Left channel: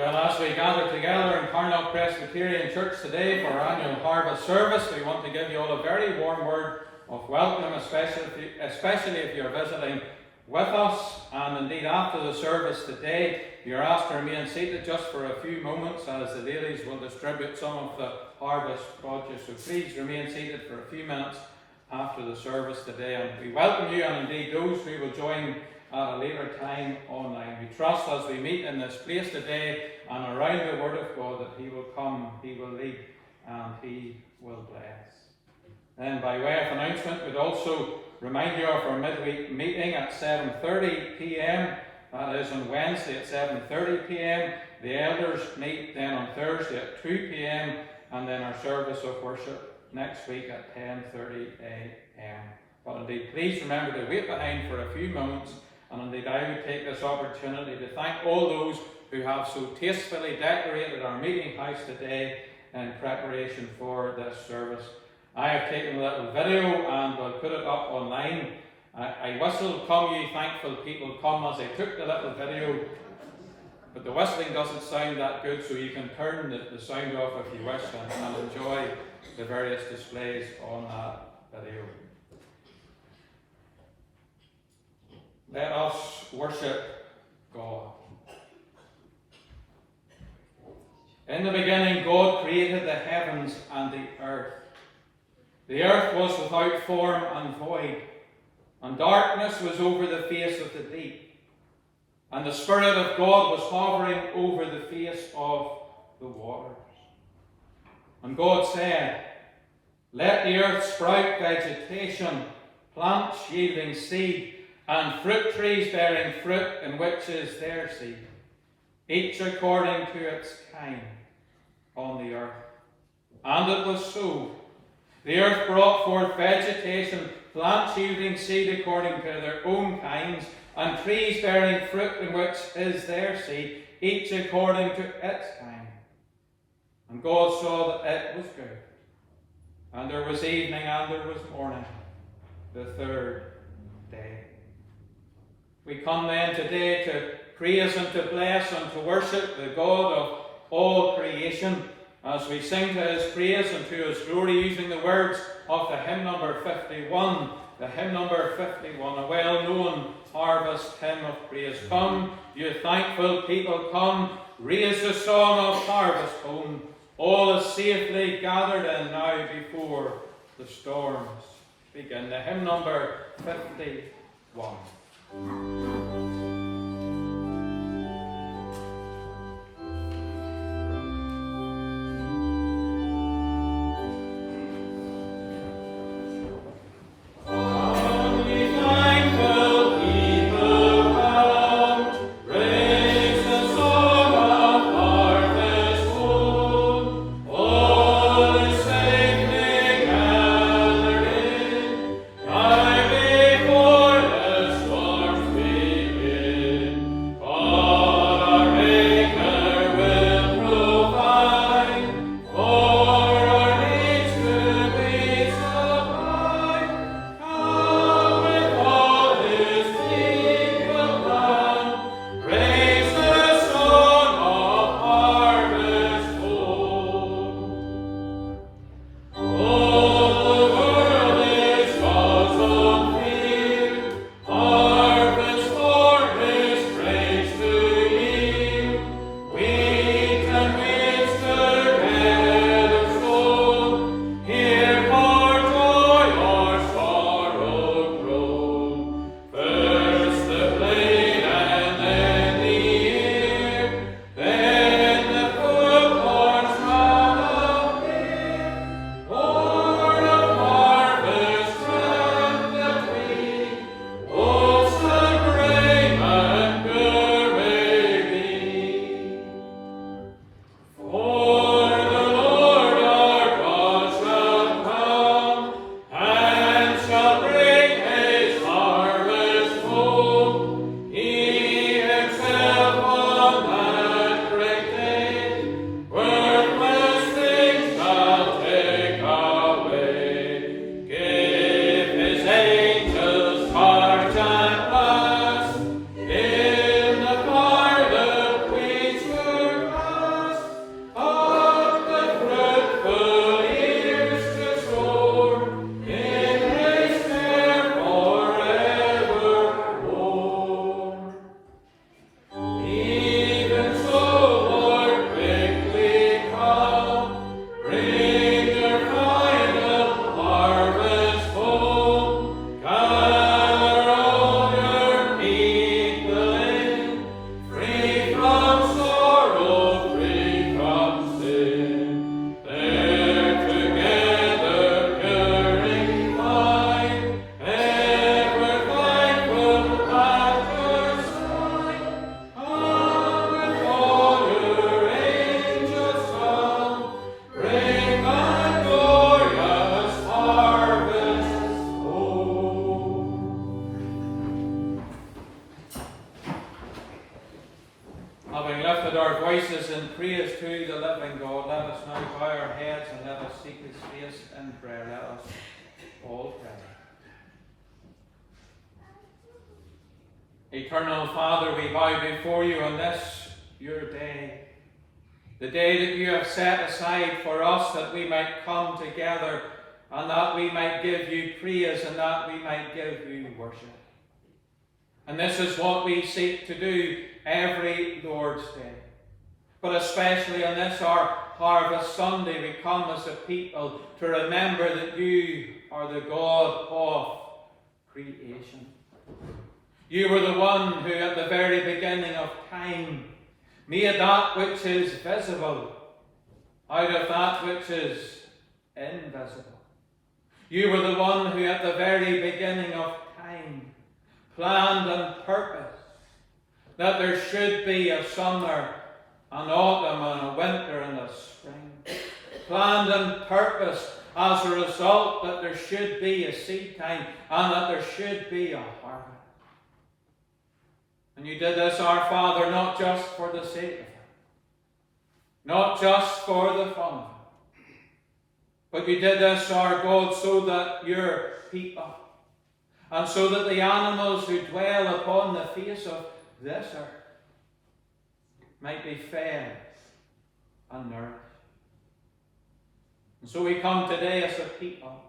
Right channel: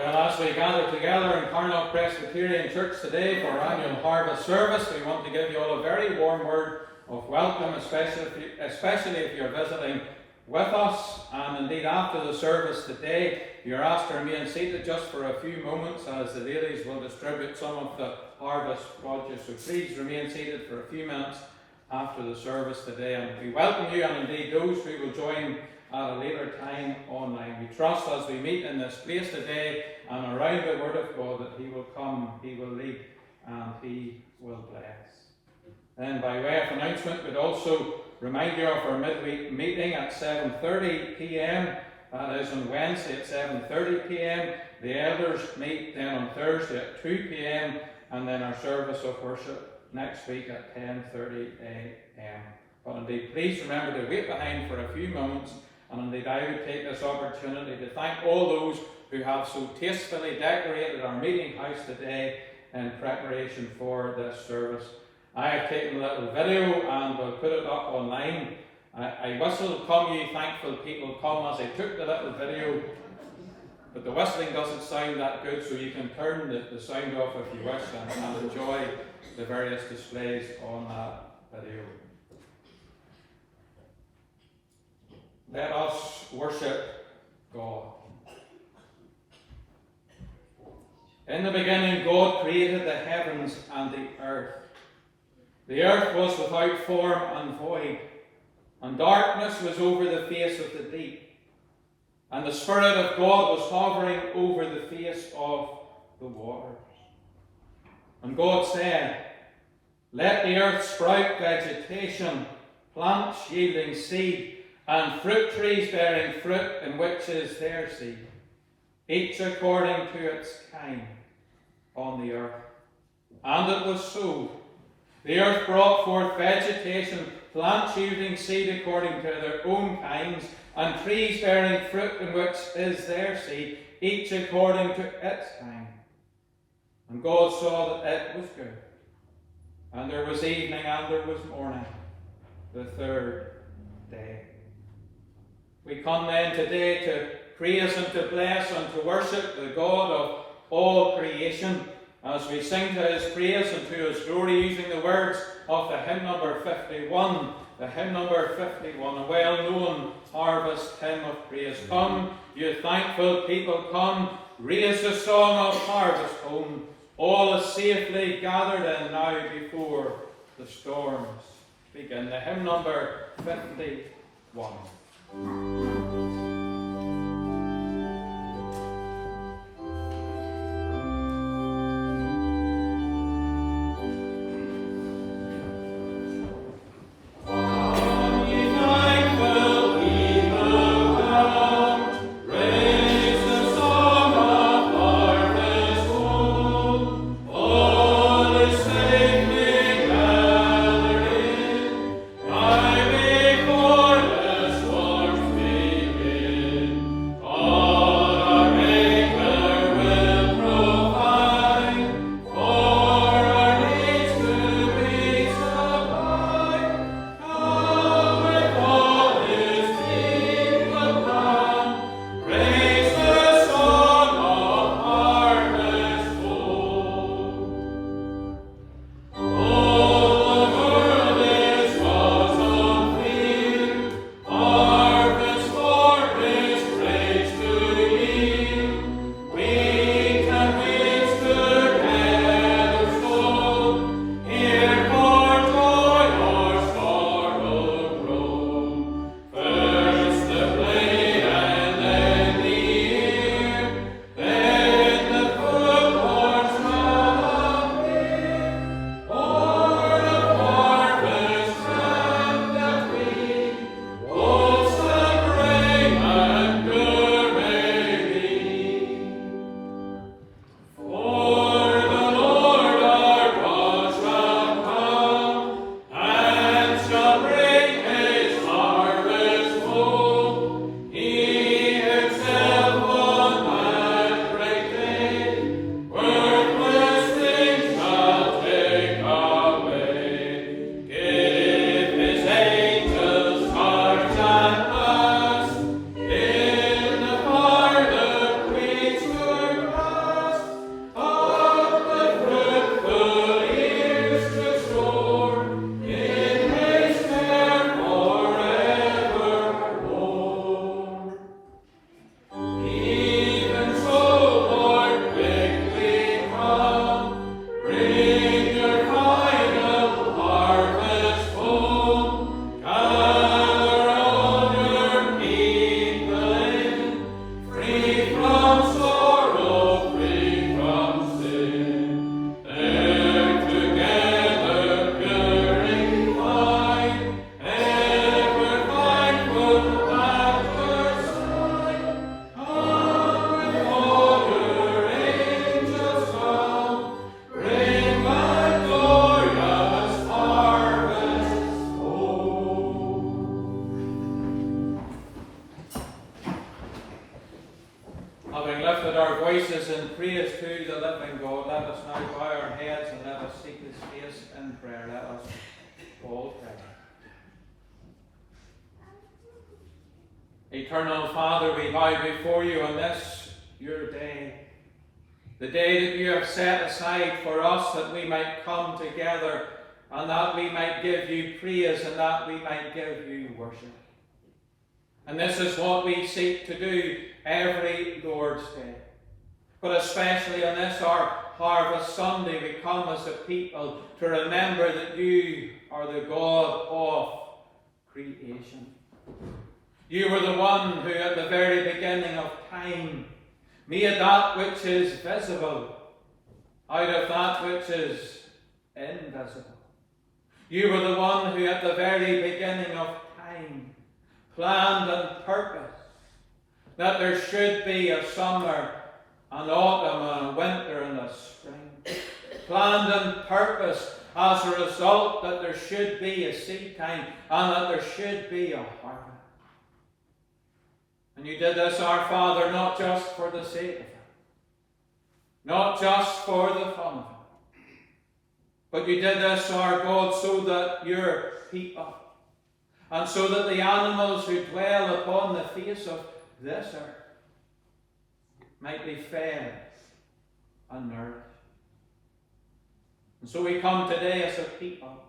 Well, as we gather together in Carnlough Presbyterian Church today for our annual harvest service, we want to give you all a very warm word of welcome, especially if you're visiting with us. And indeed, after the service today, you're asked to remain seated just for a few moments as the ladies will distribute some of the harvest produce. So please remain seated for a few minutes after the service today. And we welcome you, and indeed those who will join at a later time online. We trust as we meet in this place today and around the Word of God that He will come, He will lead, and He will bless. Then by way of announcement, we'd also remind you of our midweek meeting at 7:30 p.m. That is on Wednesday at 7:30 p.m. The elders meet then on Thursday at 2 p.m. and then our service of worship next week at 10:30 a.m. But indeed, please remember to wait behind for a few moments. And indeed, I would take this opportunity to thank all those who have so tastefully decorated our meeting house today in preparation for this service. I have taken a little video and will put it up online. I whistle, "Come ye thankful people, come," as I took the little video, but the whistling doesn't sound that good, so you can turn the sound off if you wish and enjoy the various displays on that video. Let us worship God. In the beginning, God created the heavens and the earth. The earth was without form and void, and darkness was over the face of the deep. And the Spirit of God was hovering over the face of the waters. And God said, "Let the earth sprout vegetation, plants yielding seed, and fruit trees bearing fruit in which is their seed, each according to its kind, on the earth." And it was so. The earth brought forth vegetation, plants yielding seed according to their own kinds, and trees bearing fruit in which is their seed, each according to its kind. And God saw that it was good. And there was evening and there was morning, the third day. We come then today to praise and to bless and to worship the God of all creation as we sing to His praise and to His glory using the words of the hymn number 51. The hymn number 51, a well-known harvest hymn of praise. Come, you thankful people, come, raise the song of harvest home. All is safely gathered in now before the storms begin. The hymn number 51. Before the storms Having lifted our voices in praise to the living God, let us now bow our heads and let us seek his face in prayer. Let us all pray. Eternal Father, we bow before you on this, your day, the day that you have set aside for us that we might come together and that we might give you praise and that we might give you worship. And this is what we seek to do every Lord's Day. But especially on this, our Harvest Sunday, we come as a people to remember that you are the God of creation. You were the one who at the very beginning of time made that which is visible out of that which is invisible. You were the one who at the very beginning of time planned and purposed that there should be a summer, an autumn, and a winter, and a spring. Planned and purposed as a result that there should be a seed time and that there should be a harvest. And you did this, our Father, not just for the sake of it, not just for the fun of it, but you did this, our God, so that your people, and so that the animals who dwell upon the face of this earth might be fed and nourished. And so we come today as a people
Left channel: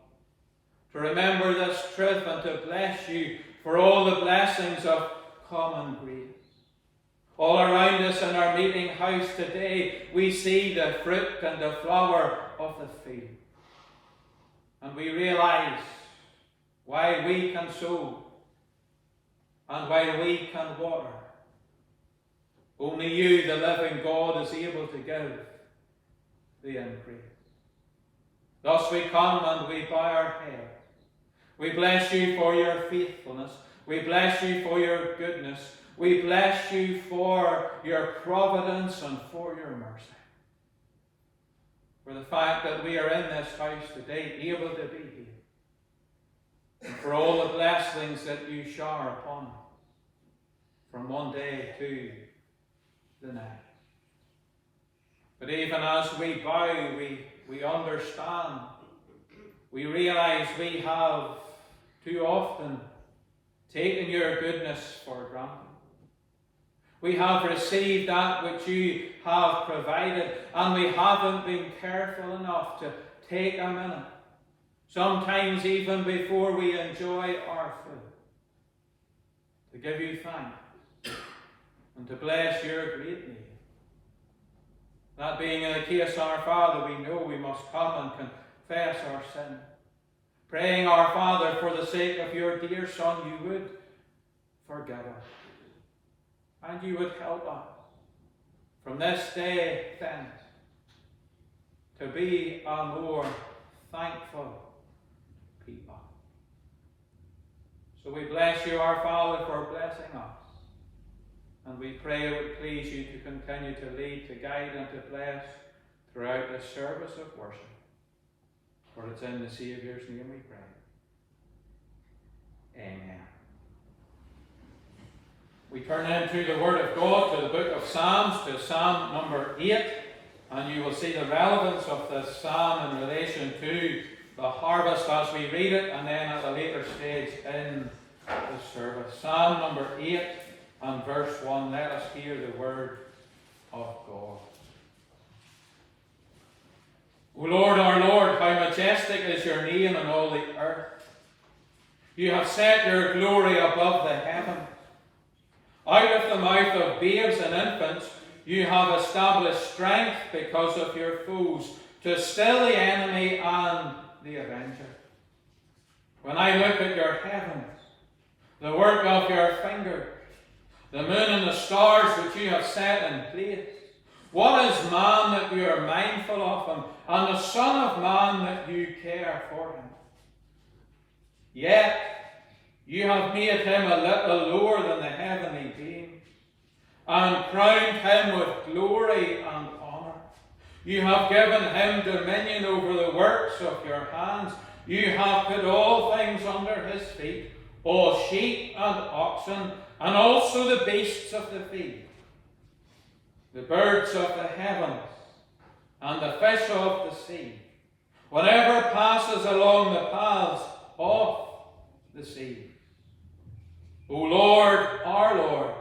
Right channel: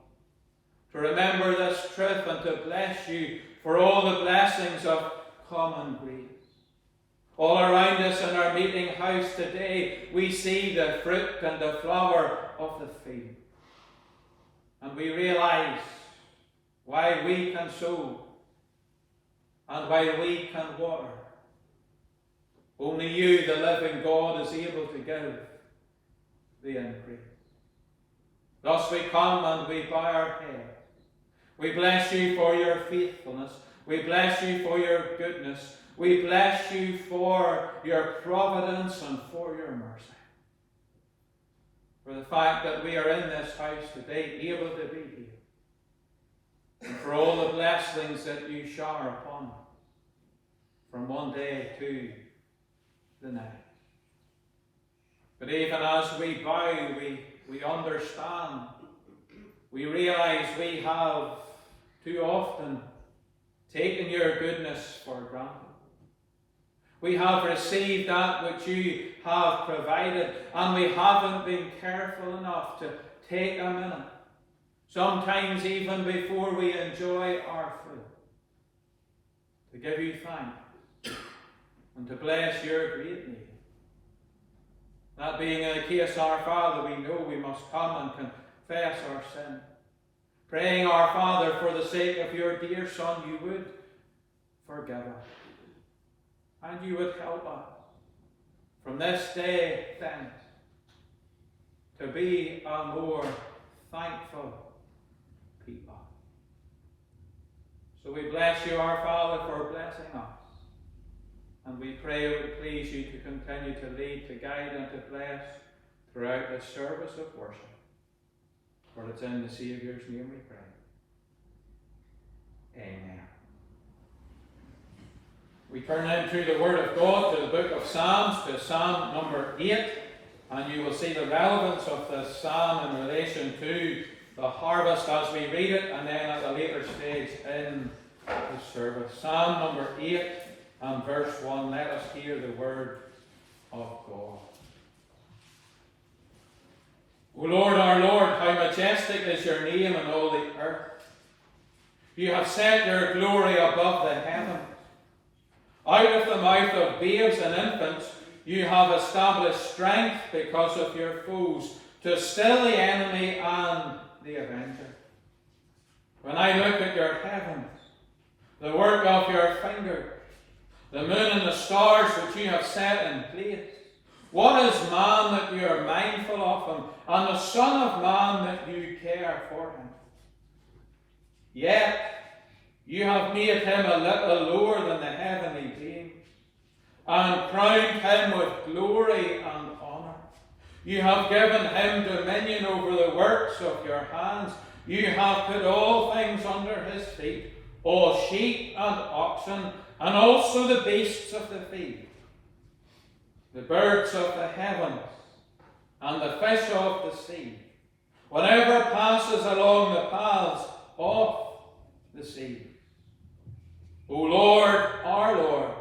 to remember this truth and to bless you for all the blessings of common grace. All around us in our meeting house today, we see the fruit and the flower of the field. And we realize while we can sow and while we can water, only you, the living God, is able to give the increase. Thus we come and we bow our heads. We bless you for your faithfulness. We bless you for your goodness. We bless you for your providence and for your mercy. For the fact that we are in this house today, able to be here. And for all the blessings that you shower upon us from one day to the next. But even as we bow, we understand, we realize we have too often taken your goodness for granted. We have received that which you have provided, and we haven't been careful enough to take a minute, sometimes even before we enjoy our food, to give you thanks and to bless your great name. That being the case, our Father, we know we must come and confess our sin, praying, our Father, for the sake of your dear Son, you would forgive us. And you would help us from this day thence to be a more thankful people. So we bless you, our Father, for blessing us. And we pray it would please you to continue to lead, to guide, and to bless throughout this service of worship. For it's in the Saviour's name we pray. Amen. We turn into the Word of God, to the book of Psalms, to Psalm number 8, and you will see the relevance of this psalm in relation to the harvest as we read it, and then at a later stage in the service. Psalm number 8 and verse 1, let us hear the Word of God. O Lord, our Lord, how majestic is your name in all the earth. You have set your glory above the heavens. Out of the mouth of babes and infants, you have established strength because of your foes, to still the enemy and the avenger. When I look at your heavens, the work of your fingers, the moon and the stars which you have set in place, what is man that you are mindful of him, and the Son of Man that you care for him? Yet you have made him a little lower than the heavenly beings, and crowned him with glory and honour. You have given him dominion over the works of your hands. You have put all things under his feet, all sheep and oxen, and also the beasts of the field, the birds of the heavens, and the fish of the sea, whatever passes along the paths of the sea. O Lord, our Lord,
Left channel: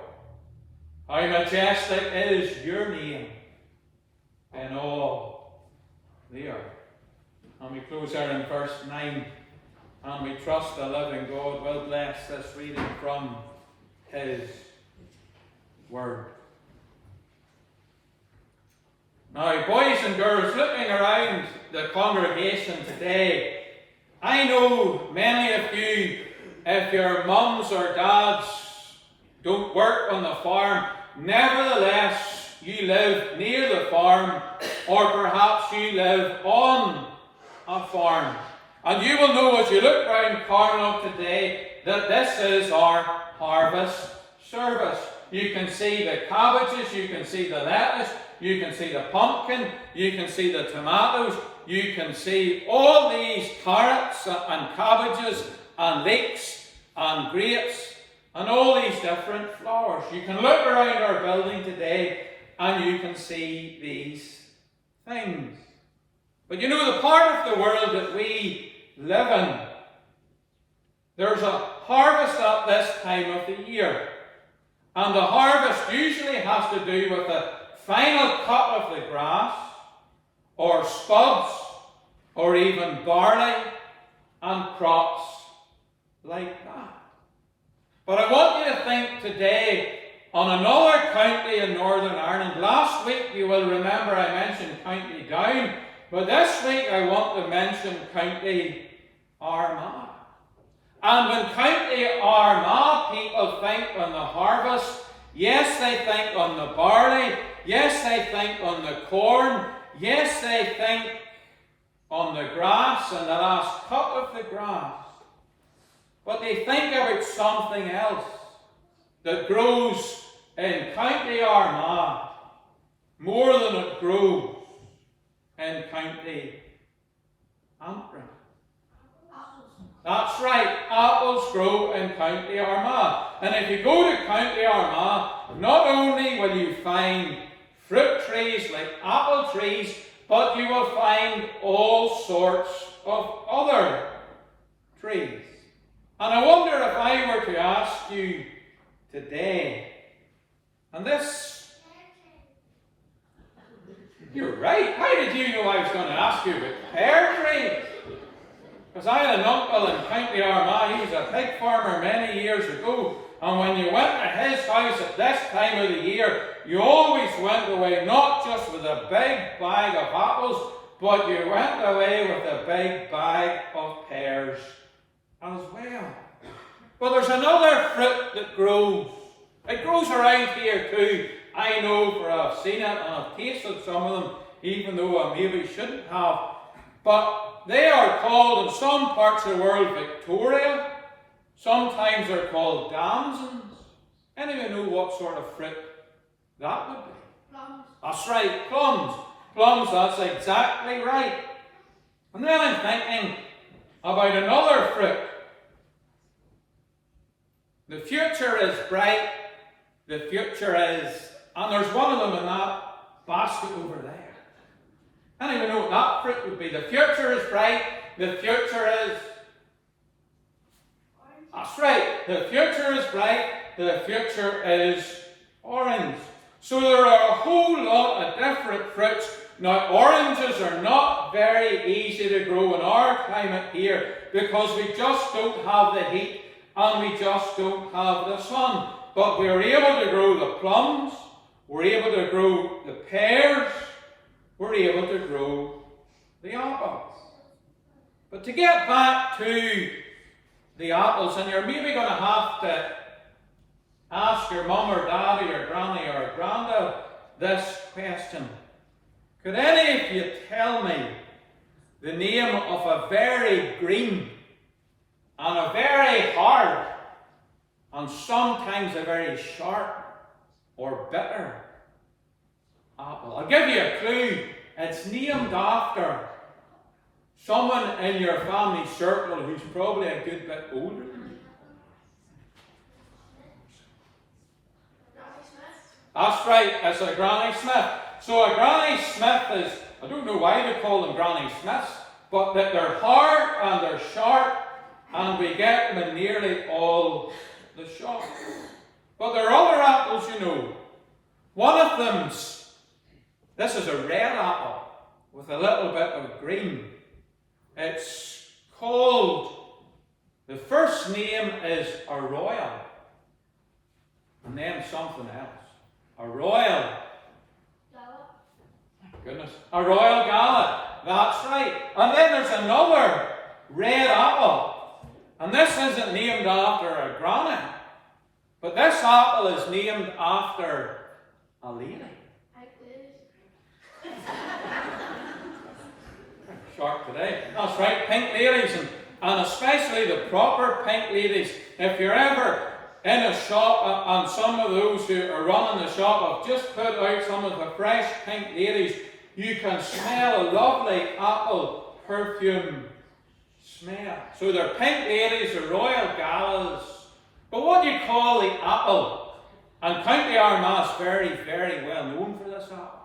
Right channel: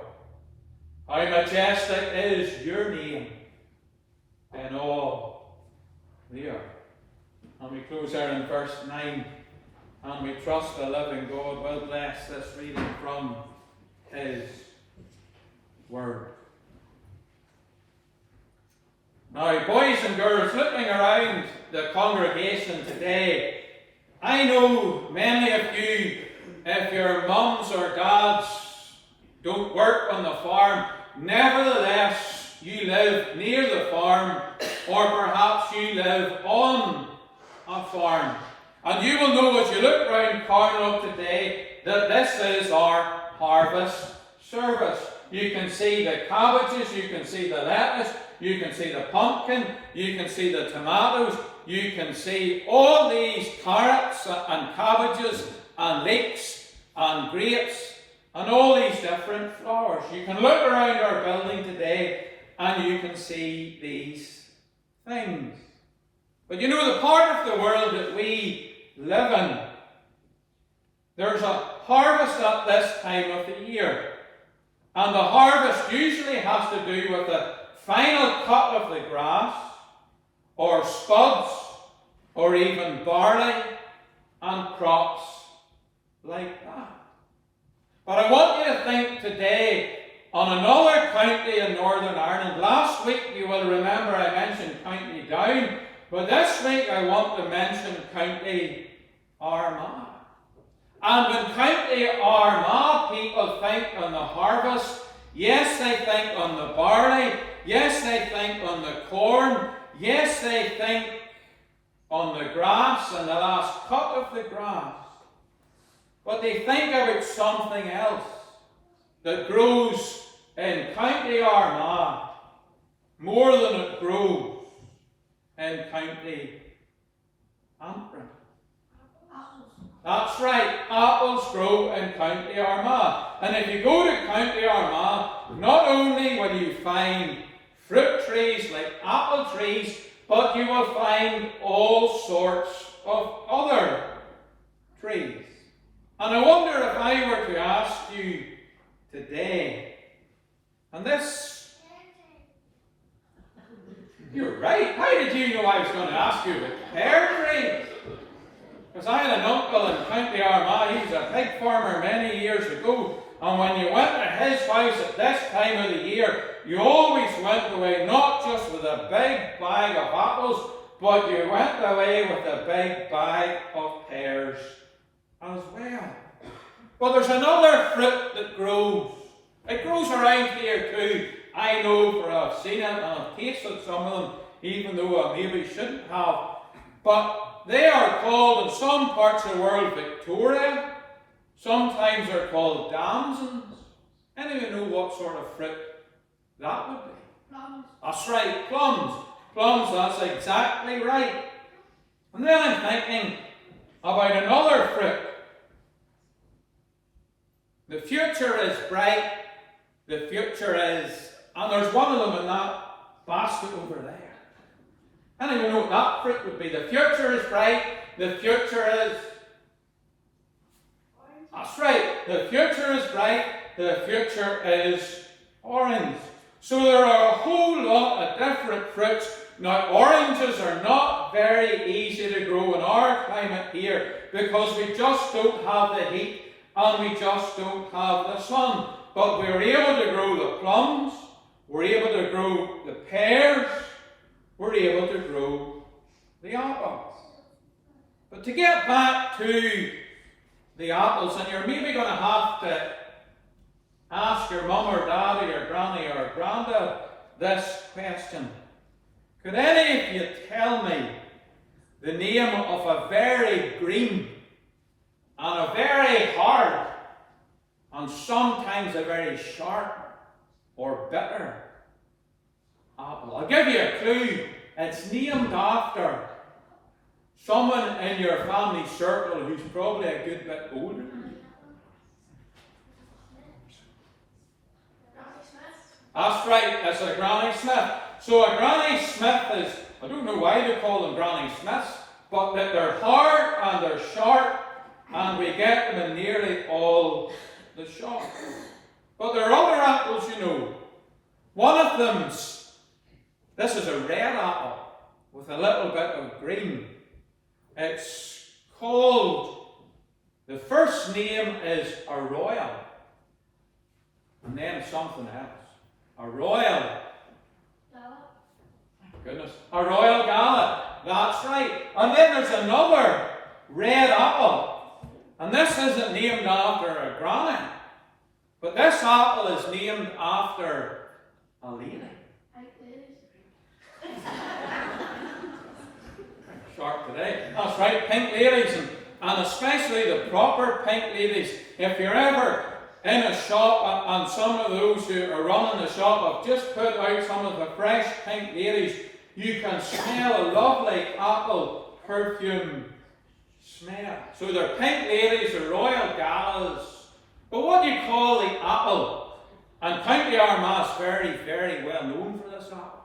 how majestic is your name in all the earth. And we close there in verse 9, and we trust the living God will bless this reading from his word. Now, boys and girls, looking around the congregation today, I know many of you, if your mums or dads don't work on the farm, nevertheless you live near the farm, or perhaps you live on a farm. And you will know as you look around Carnlough today that this is our harvest service. You can see the cabbages, you can see the lettuce, you can see the pumpkin, you can see the tomatoes, you can see all these carrots and cabbages and leeks and grapes and all these different flowers. You can look around our building today and you can see these things. But you know, the part of the world that we live in, there's a harvest at this time of the year. And the harvest usually has to do with the final cut of the grass, or spuds, or even barley and crops like that. But I want you to think today on another county in Northern Ireland. Last week, you will remember I mentioned County Down, but this week I want to mention County Armagh. And when County Armagh people think on the harvest, yes, they think on the barley, yes, they think on the corn, yes, they think on the grass and the last cut of the grass. But they think about something else that grows in County Armagh more than it grows in County Antrim. That's right, apples grow in County Armagh. And if you go to County Armagh, not only will you find fruit trees like apple trees, but you will find all sorts of other trees. And I wonder if I were to ask you today, and this, you're right, how did you know I was going to ask you about pear trees? Because I had an uncle in County Armagh, he was a pig farmer many years ago, and when you went to his house at this time of the year, you always went away not just with a big bag of apples, but you went away with a big bag of pears as well. But there's another fruit that grows. It grows around here too. I know, for I've seen it and I've tasted some of them, even though I maybe shouldn't have. But they are called in some parts of the world Victoria. Sometimes they're called damsons. Anyone know what sort of fruit that would be? Plums. That's right, plums. Plums, that's exactly right. And then I'm thinking about another fruit. The future is bright. The future is, and there's one of them in that basket over there. Anyone know what that fruit would be? The future is bright. The future is, that's right, the future is bright. The future is orange. So there are a whole lot of different fruits. Now, oranges are not very easy to grow in our climate here because we just don't have the heat and we just don't have the sun. But we're able to grow the plums, we're able to grow the pears, we're able to grow the apples. But to get back to the apples, and you're maybe going to have to ask your mum or dad or your granny or granddad this question. Could any of you tell me the name of a very green and a very hard and sometimes a very sharp or bitter apple? I'll give you a clue. It's named after someone in your family circle who's probably a good bit older than you. That's right, it's a Granny Smith. So a Granny Smith is, I don't know why they call them Granny Smiths, but that they're hard and they're sharp, and we get them in nearly all the shops. But there are other apples, you know. One of them's, this is a red apple with a little bit of green. It's called, the first name is a royal, and then something else. A royal. Goodness. A royal gala. That's right. And then there's another red apple. And this isn't named after a granny, but this apple is named after a lady. Sharp today. That's right, pink ladies, and especially the proper pink ladies. If you're ever in a shop, and some of those who are running the shop have just put out some of the fresh pink ladies, you can smell a lovely apple perfume smell. So they're pink ladies, they're royal galas. But what do you call the apple? And County Armagh's very, very well known for this apple.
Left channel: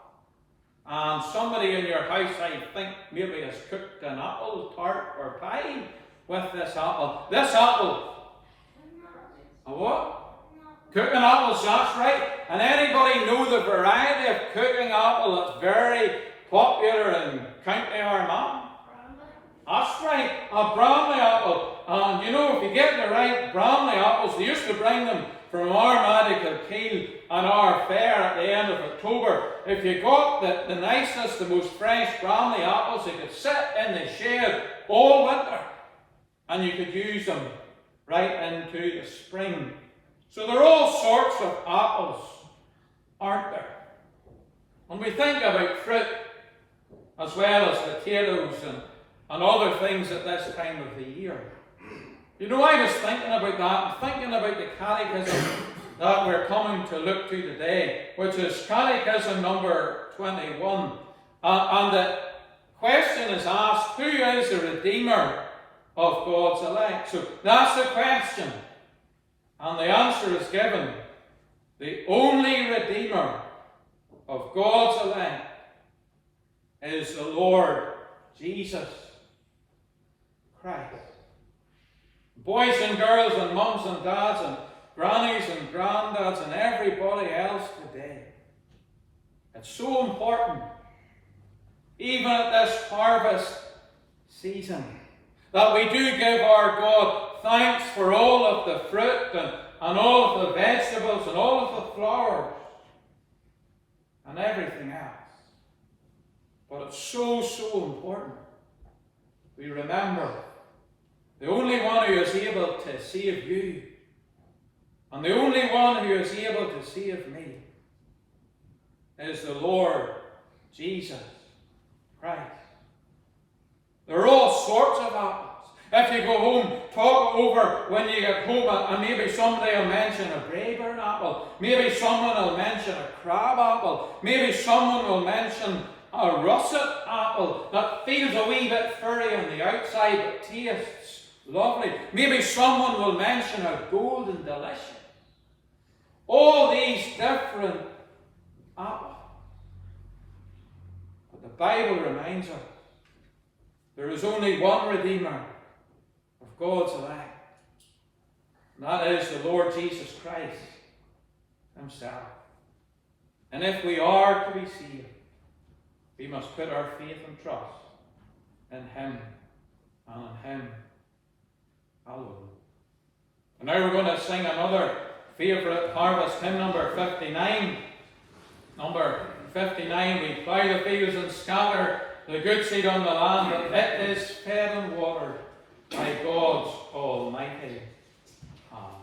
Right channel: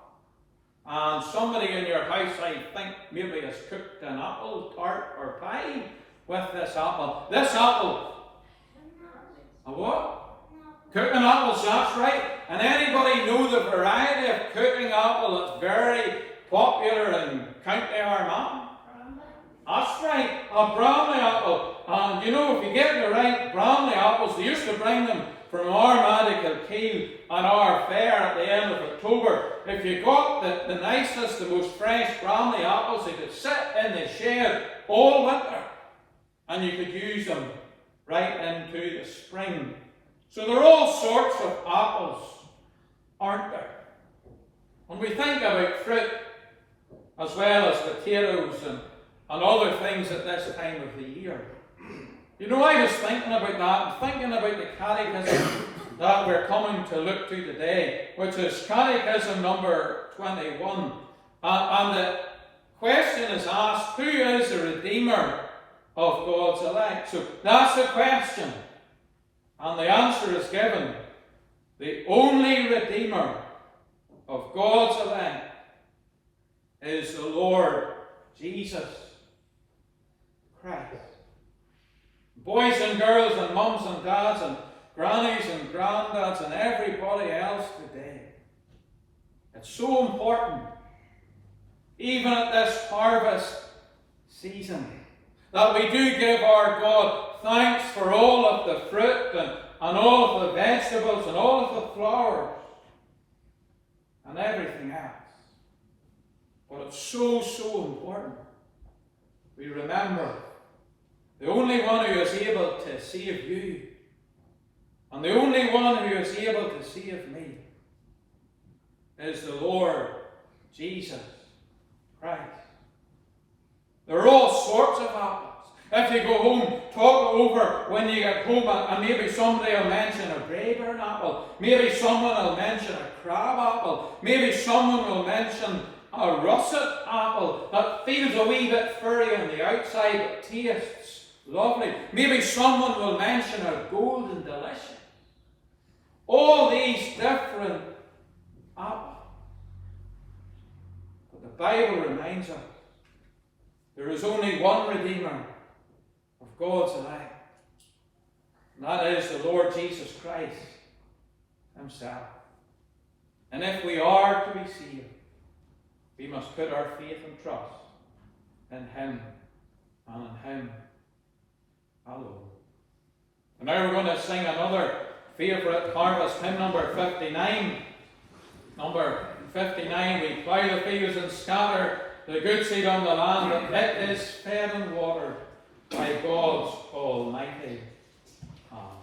And somebody in your house, I think, maybe has cooked an apple tart or pie with this apple. This apple, a what? Cooking apples, that's right. And anybody know the variety of cooking apple that's very popular in County Armagh? That's right, a Bramley apple. And you know, if you get the right Bramley apples, they used to bring them from Armagh to Kilkeel and our fair at the end of October. If you got the nicest, the most fresh Bramley apples, they could sit in the shade all winter, and you could use them right into the spring. So there are all sorts of apples, aren't there? When we think about fruit, as well as potatoes and other things at this time of the year. You know, I was thinking about that, and thinking about the catechism that we're coming to look to today, which is Catechism number 21. And the question is asked, who is the Redeemer of God's elect? So that's the question. And the answer is given. The only Redeemer of God's elect is the Lord Jesus Christ. Boys and girls and mums and dads and grannies and granddads and everybody else today. It's so important, even at this harvest season, that we do give our God thanks for all of the fruit and all of the vegetables and all of the flowers and everything else. But it's so, so important we remember the only one who is able to save you, and the only one who is able to save me, is the Lord Jesus Christ. There are all sorts of apples. If you go home, talk over when you get home, and maybe somebody will mention a Braeburn apple, maybe someone will mention a crab apple, maybe someone will mention a russet apple that feels a wee bit furry on the outside but tastes lovely. Maybe someone will mention a golden delicious. All these different apples. But the Bible reminds us there is only one Redeemer of God's elect. And that is the Lord Jesus Christ himself. And if we are to be saved, we must put our faith and trust in him and in him alone. And now we're going to sing another favourite harvest hymn, number 59. Number 59, we plough the fields and scatter the good seed on the land, and it is fed and watered by God's almighty hand.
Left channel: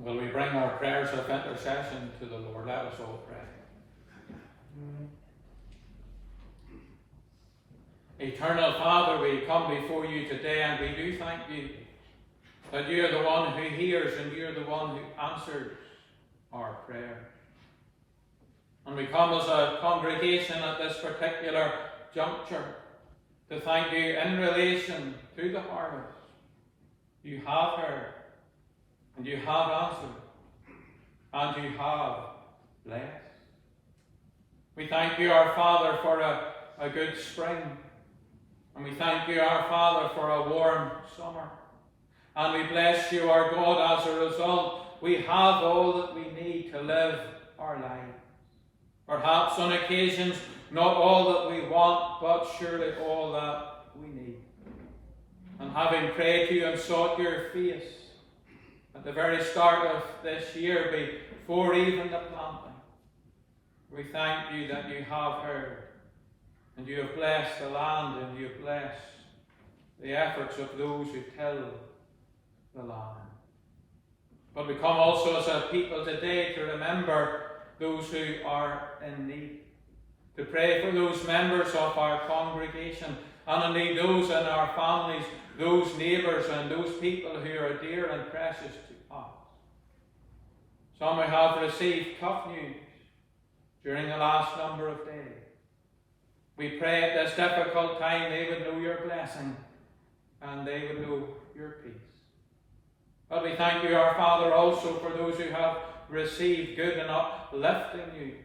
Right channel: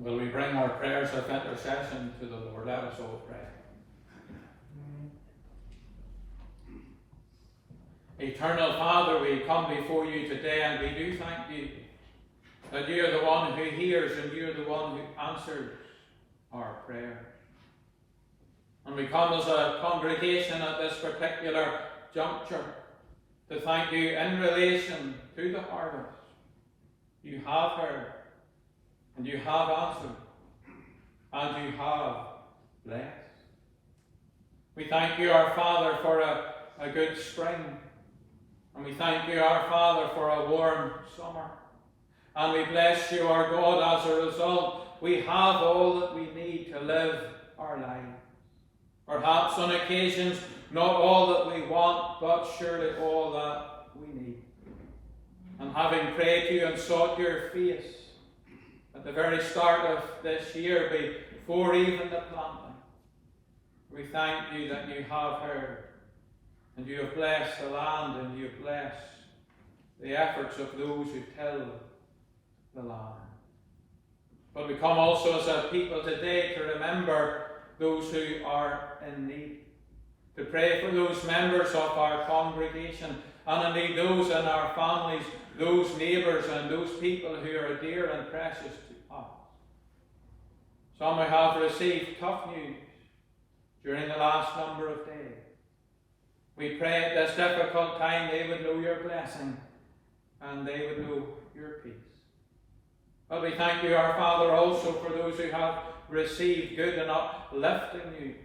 Will we bring our prayers of intercession to the Lord? Let us all pray. Eternal Father, we come before you today and we do thank you that you are the one who hears and you are the one who answers our prayer. And we come as a congregation at this particular juncture to thank you in relation to the harvest. You have heard, and you have answered, and you have blessed. We thank you, our Father, for a good spring. And we thank you, our Father, for a warm summer. And we bless you, our God, as a result, we have all that we need to live our lives. Perhaps on occasions, not all that we want, but surely all that we need. And having prayed to you and sought your face at the very start of this year, before even the planting, we thank you that you have heard, and you have blessed the land, and you have blessed the efforts of those who till the land. But we come also as a people today to remember those who are in need, to pray for those members of our congregation, and indeed those in our families, those neighbours and those people who are dear and precious to us. Some who have received tough news during the last number of days. We pray at this difficult time they would know your blessing and they would know your peace. But we thank you, our Father, also for those who have received good and uplifting news,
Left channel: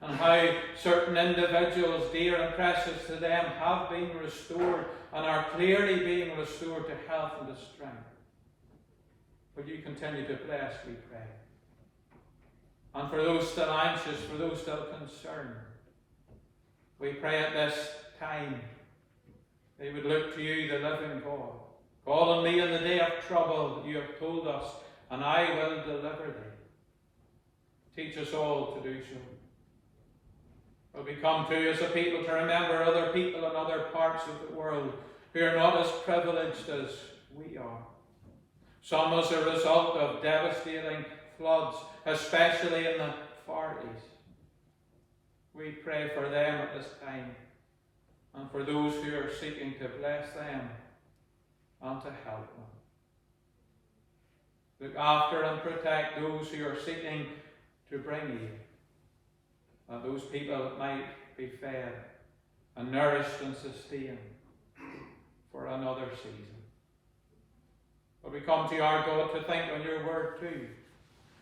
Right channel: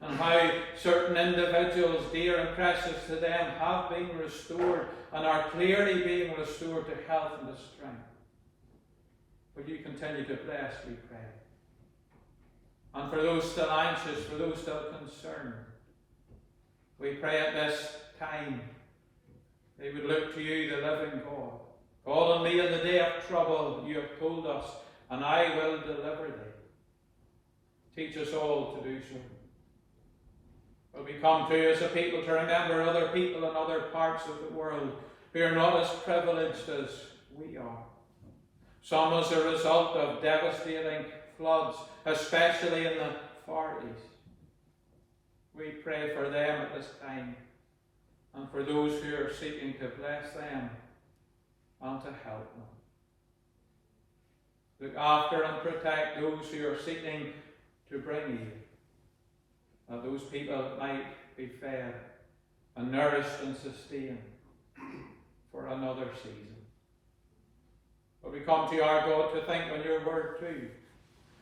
and how certain individuals, dear and precious to them, have been restored and are clearly being restored to health and to strength. Will you continue to bless, we pray. And for those still anxious, for those still concerned, we pray at this time they would look to you, the living God. Call on me in the day of trouble, you have told us, and I will deliver thee. Teach us all to do so. But we come to you as a people to remember other people in other parts of the world who are not as privileged as we are. Some as a result of devastating floods, especially in the Far East. We pray for them at this time, and for those who are seeking to bless them and to help them. Look after and protect those who are seeking to bring you, that those people might be fed and nourished and sustained for another season. But we come to you, our God, to think on your word too.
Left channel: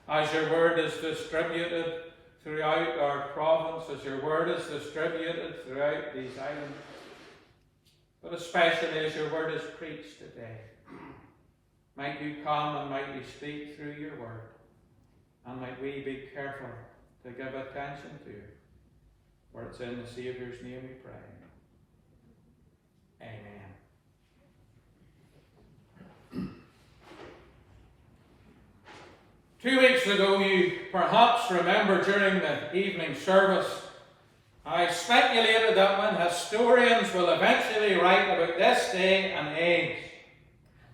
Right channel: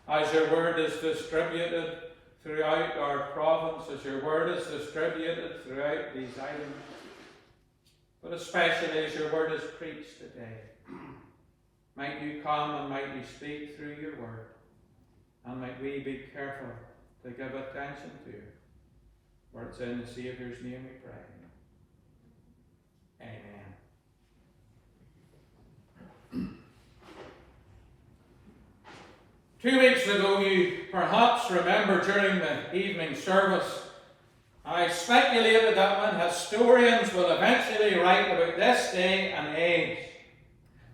As your word is distributed throughout our province, as your word is distributed throughout these islands, but especially as your word is preached today, might you come and might you speak through your word, and might we be careful to give attention to it. For it's in the Saviour's name we pray. Amen. 2 weeks ago, you perhaps remember during the evening service, I speculated that when historians will eventually write about this day and age,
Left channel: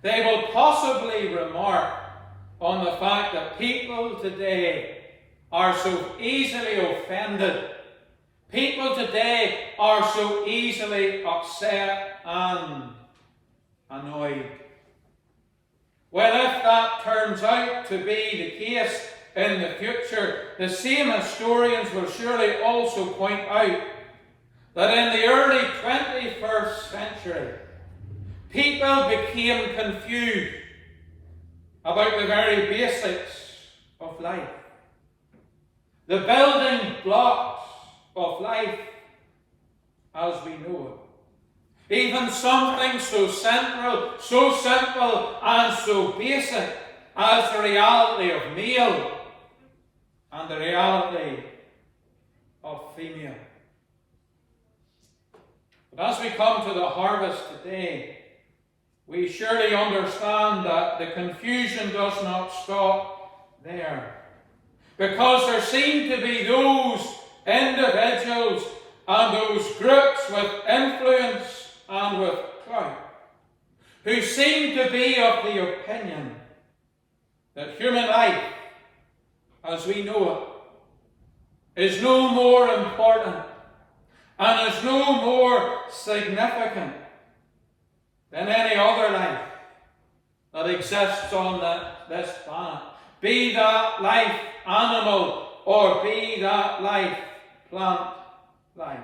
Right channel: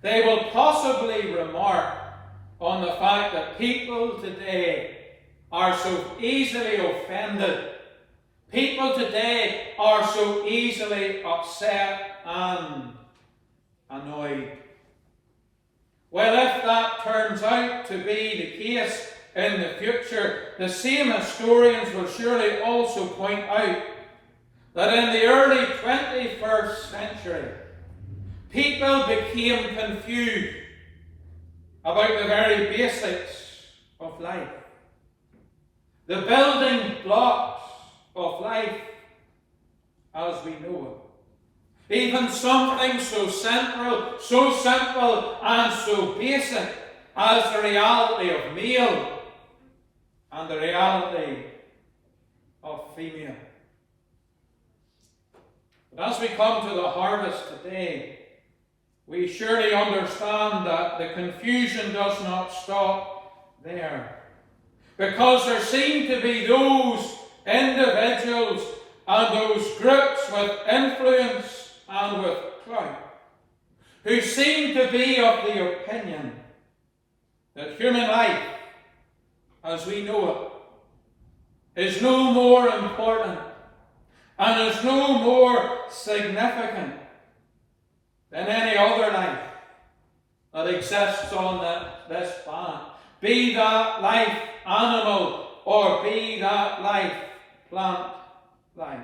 they will possibly remark on the fact that people today are so easily offended. People today are so easily upset and annoyed. Well, if that turns out to be the case in the future, the same historians will surely also point out that in the early 21st century, people became confused about the very basics of life. The building blocks of life as we know it. Even something so central, so simple and so basic as the reality of male and the reality of female. But as we come to the harvest today, we surely understand that the confusion does not stop there. Because there seem to be those individuals and those groups with influence and with clout who seem to be of the opinion that human life as we know it, is no more important and is no more significant than any other life that exists on this planet. Be that life animal or be that life plant life.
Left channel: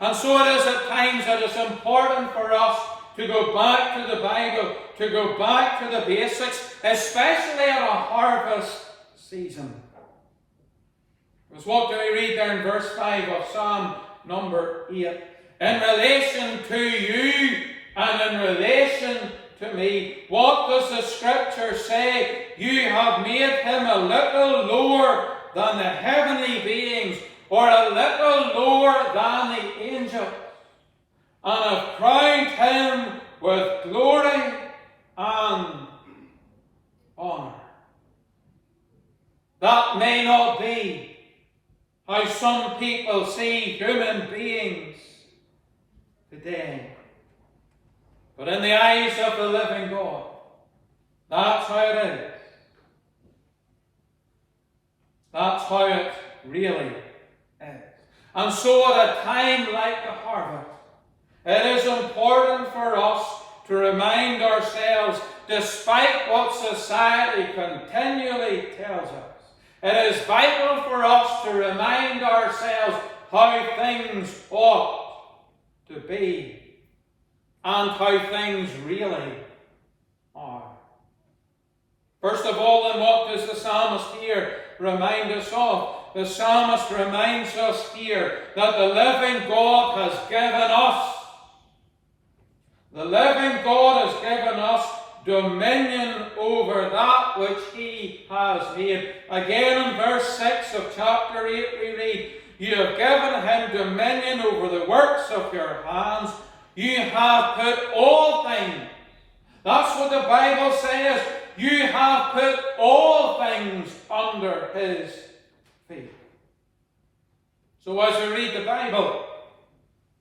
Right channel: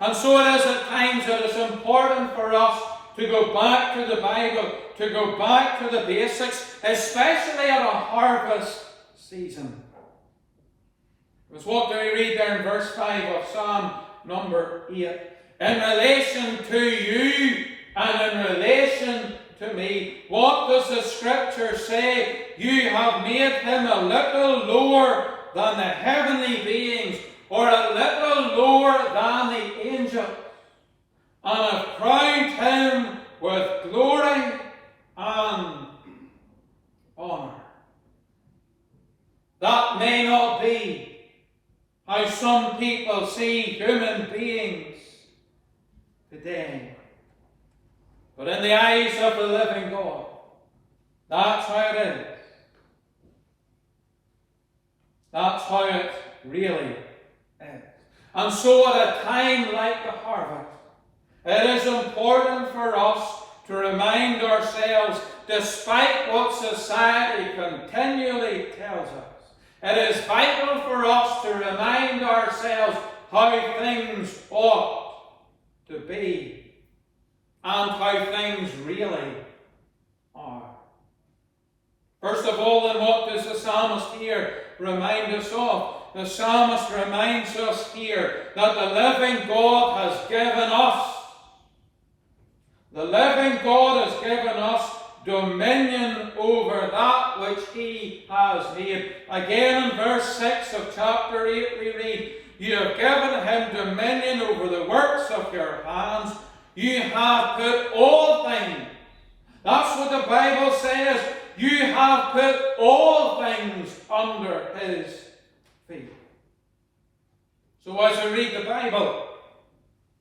And so it is at times that it's important for us to go back to the Bible, to go back to the basics, especially at a harvest season. Because what do we read there in verse 5 of Psalm number 8? In relation to you and in relation to me, what does the Scripture say? You have made him a little lower than the heavenly beings, or a little lower than the angels, and have crowned him with glory and honour. That may not be how some people see human beings today. But in the eyes of the living God, that's how it is. That's how it really is. And so at a time like the harvest, it is important for us to remind ourselves, despite what society continually tells us, it is vital for us to remind ourselves how things ought to be and how things really are. First of all, then, what does the psalmist here remind us of? The psalmist reminds us here that the living God has given us, dominion over that which he has made. Again in verse 6 of chapter 8 we read, you have given him dominion over the works of your hands. You have put all things. That's what the Bible says. You have put all things under his feet. So as we read the Bible,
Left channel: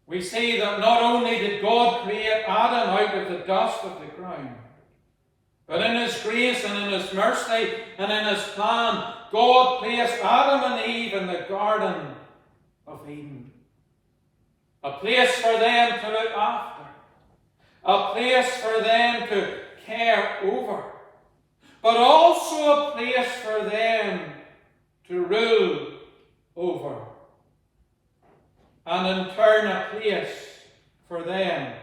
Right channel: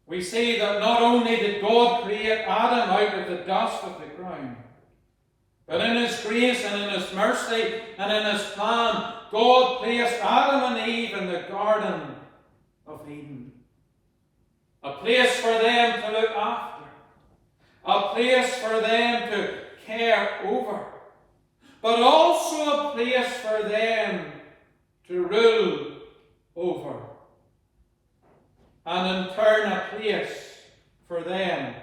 we see that not only did God create Adam out of the dust of the ground, but in his grace and in his mercy and in his plan, God placed Adam and Eve in the Garden of Eden. A place for them to look after. A place for them to care over. But also a place for them to rule over. And in turn a place for them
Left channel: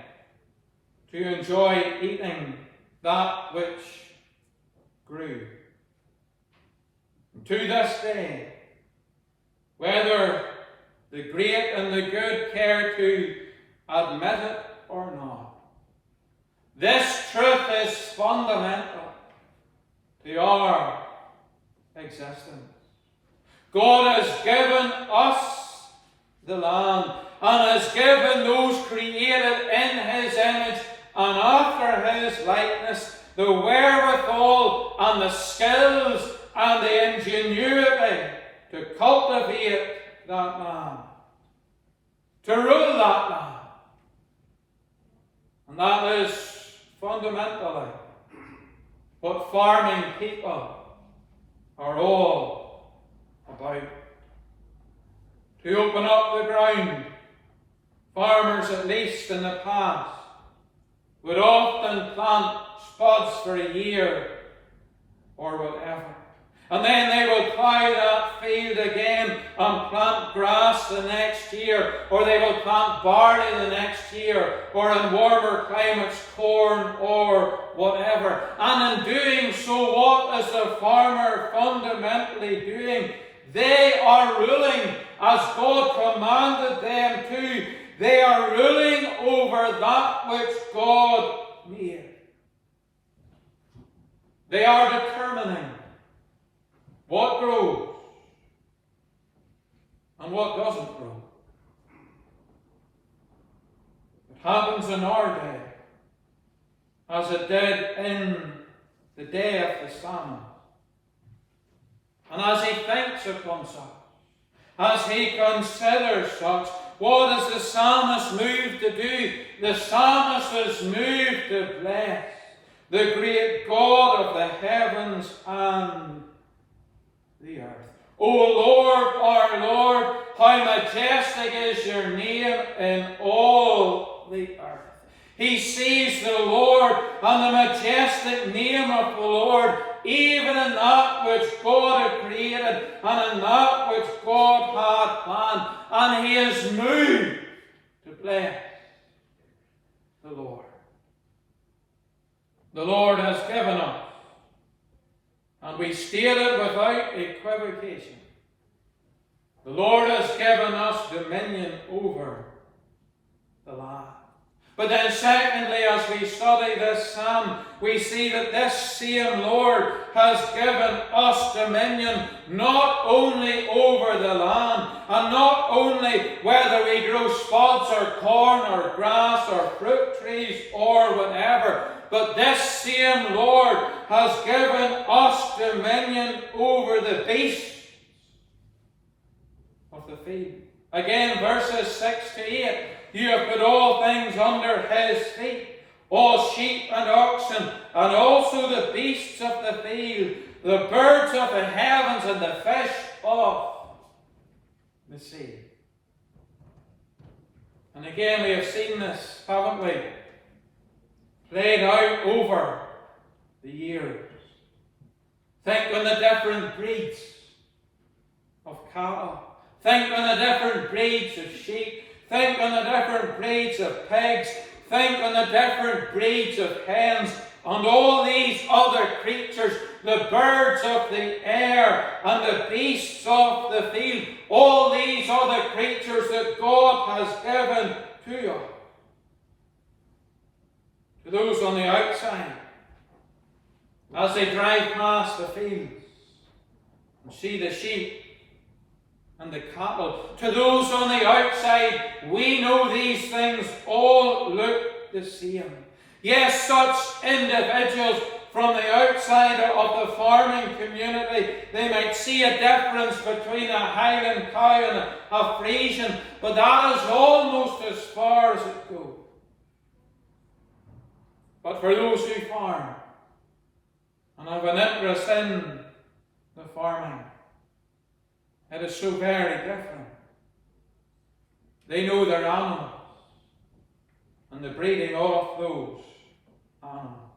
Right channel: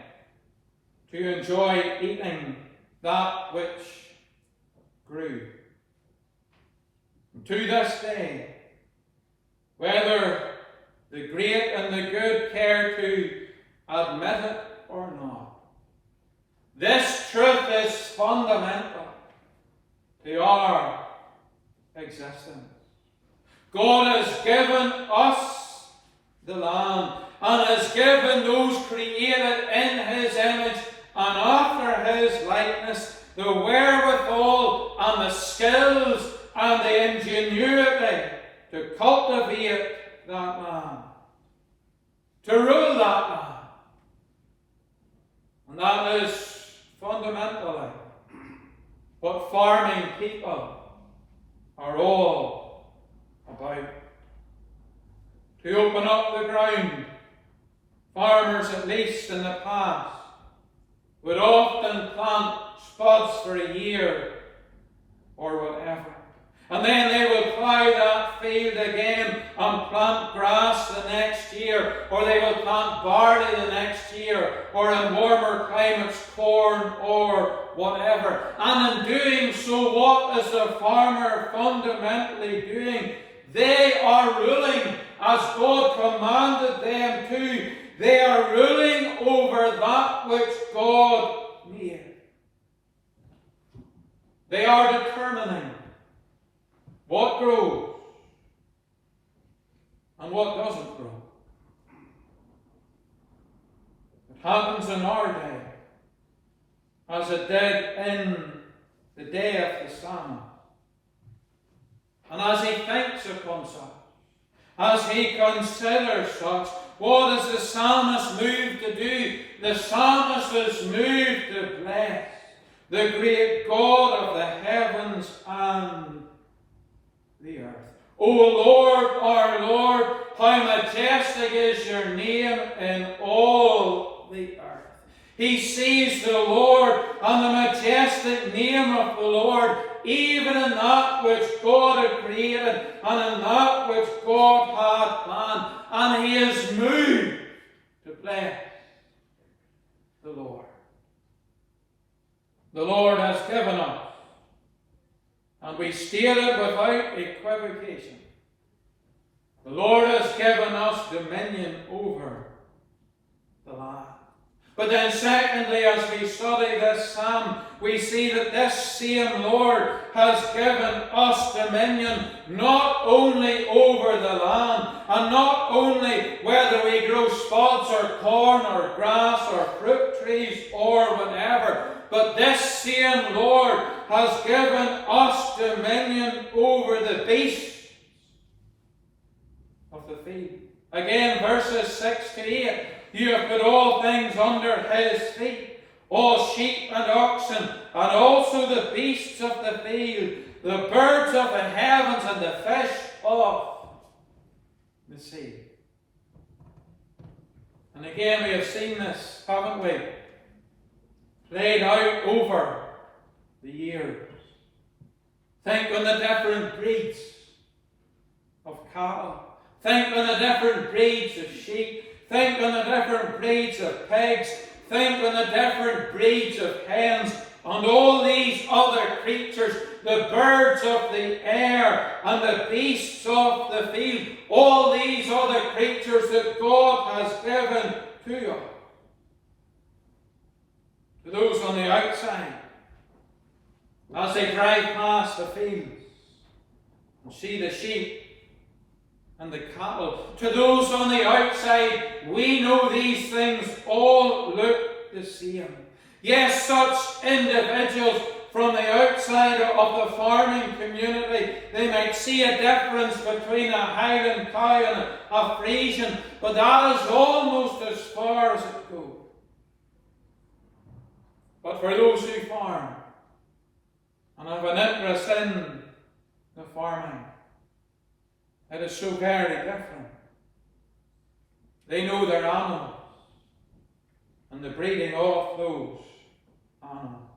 to enjoy eating that which grew. And to this day, whether the great and the good care to admit it or not, this truth is fundamental to our existence. God has given us the land and has given those created in his image and after his likeness the wherewithal and the skills and the ingenuity to cultivate that land, to rule that land. And that is fundamentally what farming people are all about. To open up the ground, farmers, at least in the past, would often plant spuds for a year or whatever. And then they will plough that field again and plant grass the next year, or they will plant barley the next year, or in warmer climates corn or whatever. And in doing so, what is the farmer fundamentally doing? They are ruling as God commanded them to. They are ruling over that which God made. They are determining what grows and what doesn't grow. It happens in our day, as it did in the day of the psalmist. And as he thinks upon such, as he considers such, what is the psalmist moved to do? The psalmist is moved to bless the great God of the heavens and the O Lord, our Lord, how majestic is your name in all the earth. He sees the Lord and the majestic name of the Lord, even in that which God had created and in that which God had planned. And he is moved to bless the Lord. The Lord has given us, and we state it without equivocation, the Lord has given us dominion over the land. But then secondly, as we study this psalm, we see that this same Lord has given us dominion not only over the land, and not only whether we grow spuds or corn or grass or fruit trees or whatever, but this same Lord has given us dominion over the beasts of the field. Again, verses 6 to 8. You have put all things under his feet, all sheep and oxen, and also the beasts of the field, the birds of the heavens, and the fish of the sea. And again, we have seen this, haven't we? Played out over the years. Think on the different breeds of cattle. Think on the different breeds of sheep. Think on the different breeds of pigs. Think on the different breeds of hens. And all these other creatures, the birds of the air and the beasts of the field. All these other creatures that God has given to us. To those on the outside, as they drive past the fields and see the sheep and the cattle. To those on the outside, we know these things all look the same. Yes, such individuals from the outside of the farming community, they might see a difference between a Highland cow and a Frisian, but that is almost as far as it goes. But for those who farm and have an interest in the farming, it is so very different. They know their animals and the breeding of those animals.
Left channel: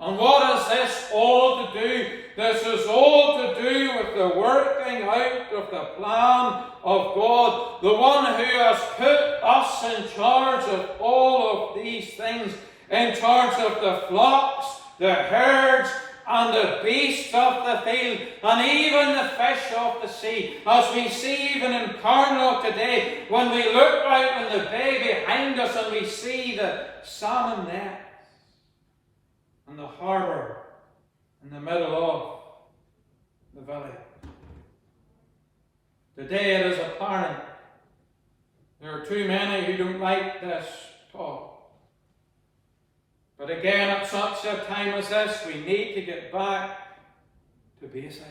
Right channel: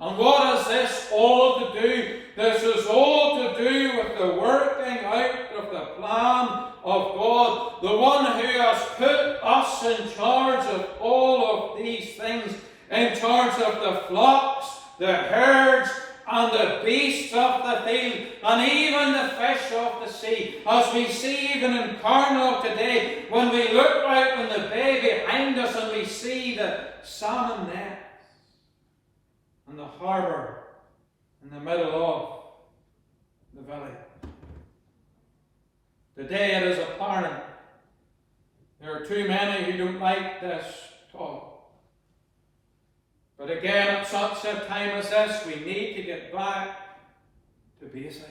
And what is this all to do? This is all to do with the working out of the plan of God, the one who has put us in charge of all of these things, in charge of the flocks, the herds, and the beasts of the field, and even the fish of the sea. As we see even in Carnlough today, when we look out in the bay behind us and we see the salmon nets and the harbour in the middle of the village. Today it is apparent there are too many who don't like this talk. But again, at such a time as this, we need to get back to basics.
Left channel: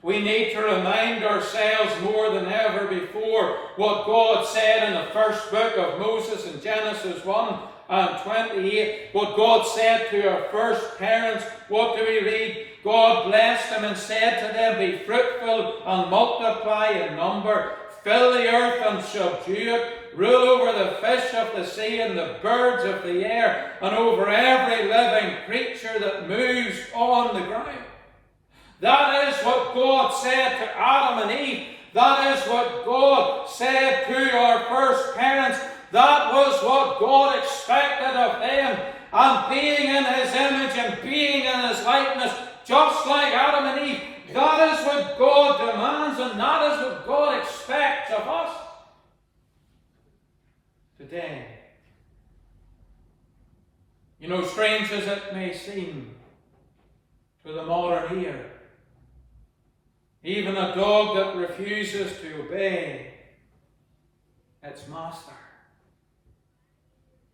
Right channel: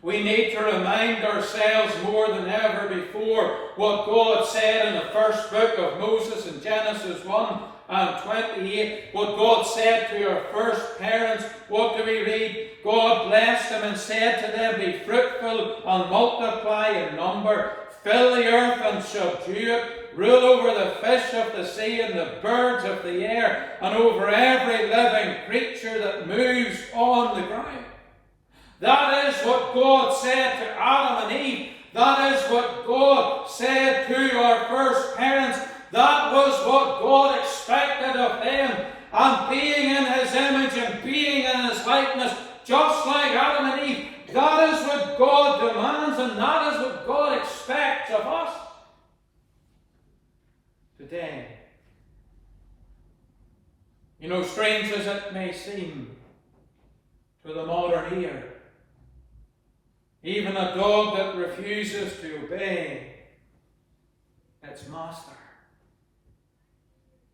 We need to remind ourselves more than ever before what God said in the first book of Moses in Genesis 1 and 28. What God said to our first parents. What do we read? God blessed them and said to them, be fruitful and multiply in number. Fill the earth and subdue it. Rule over the fish of the sea and the birds of the air, and over every living creature that moves on the ground. That is what God said to Adam and Eve. That is what God said to our first parents. That was what God expected of them. And being in his image and being in his likeness, just like Adam and Eve, that is what God demands, and that is what God expects of us today. You know, strange as it may seem to the modern ear, even a dog that refuses to obey its master,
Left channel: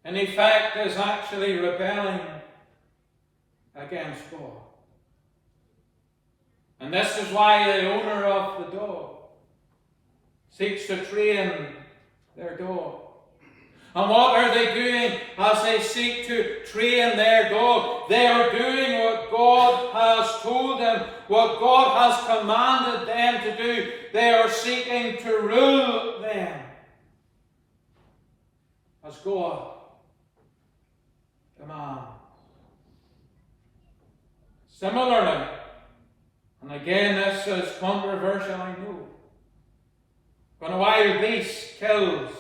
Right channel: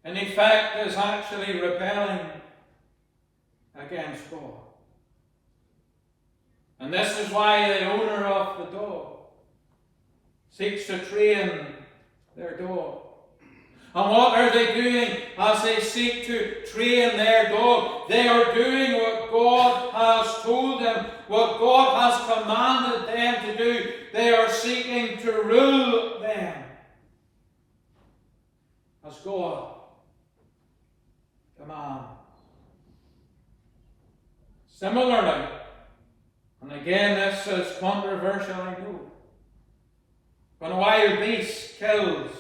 in effect, is actually rebelling against God. And this is why the owner of the dog seeks to train their dog. And what are they doing as they seek to train their dog? They are doing what God has told them, what God has commanded them to do, they are seeking to rule them as God commands. Similarly, and again this is controversial, I know, when a wild beast kills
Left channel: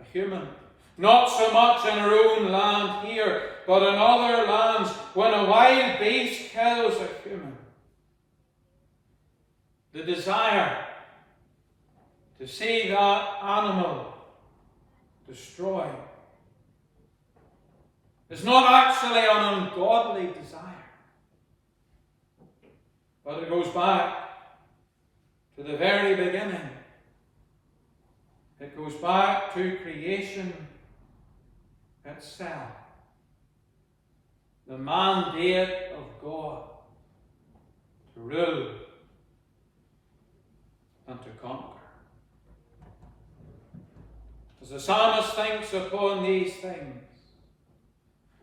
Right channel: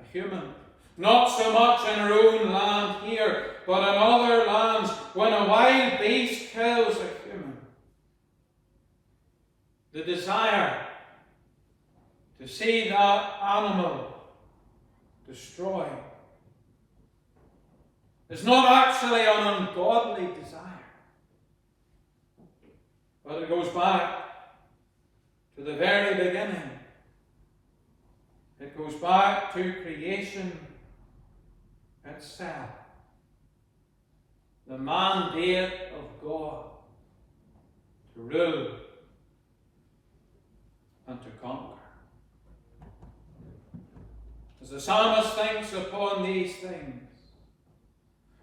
a human, not so much in our own land here, but in other lands, when a wild beast kills a human, the desire to see that animal destroyed is not actually an ungodly desire, but it goes back to the very beginning. It goes back to creation itself. The mandate of God to rule and to conquer. As the psalmist thinks upon these things,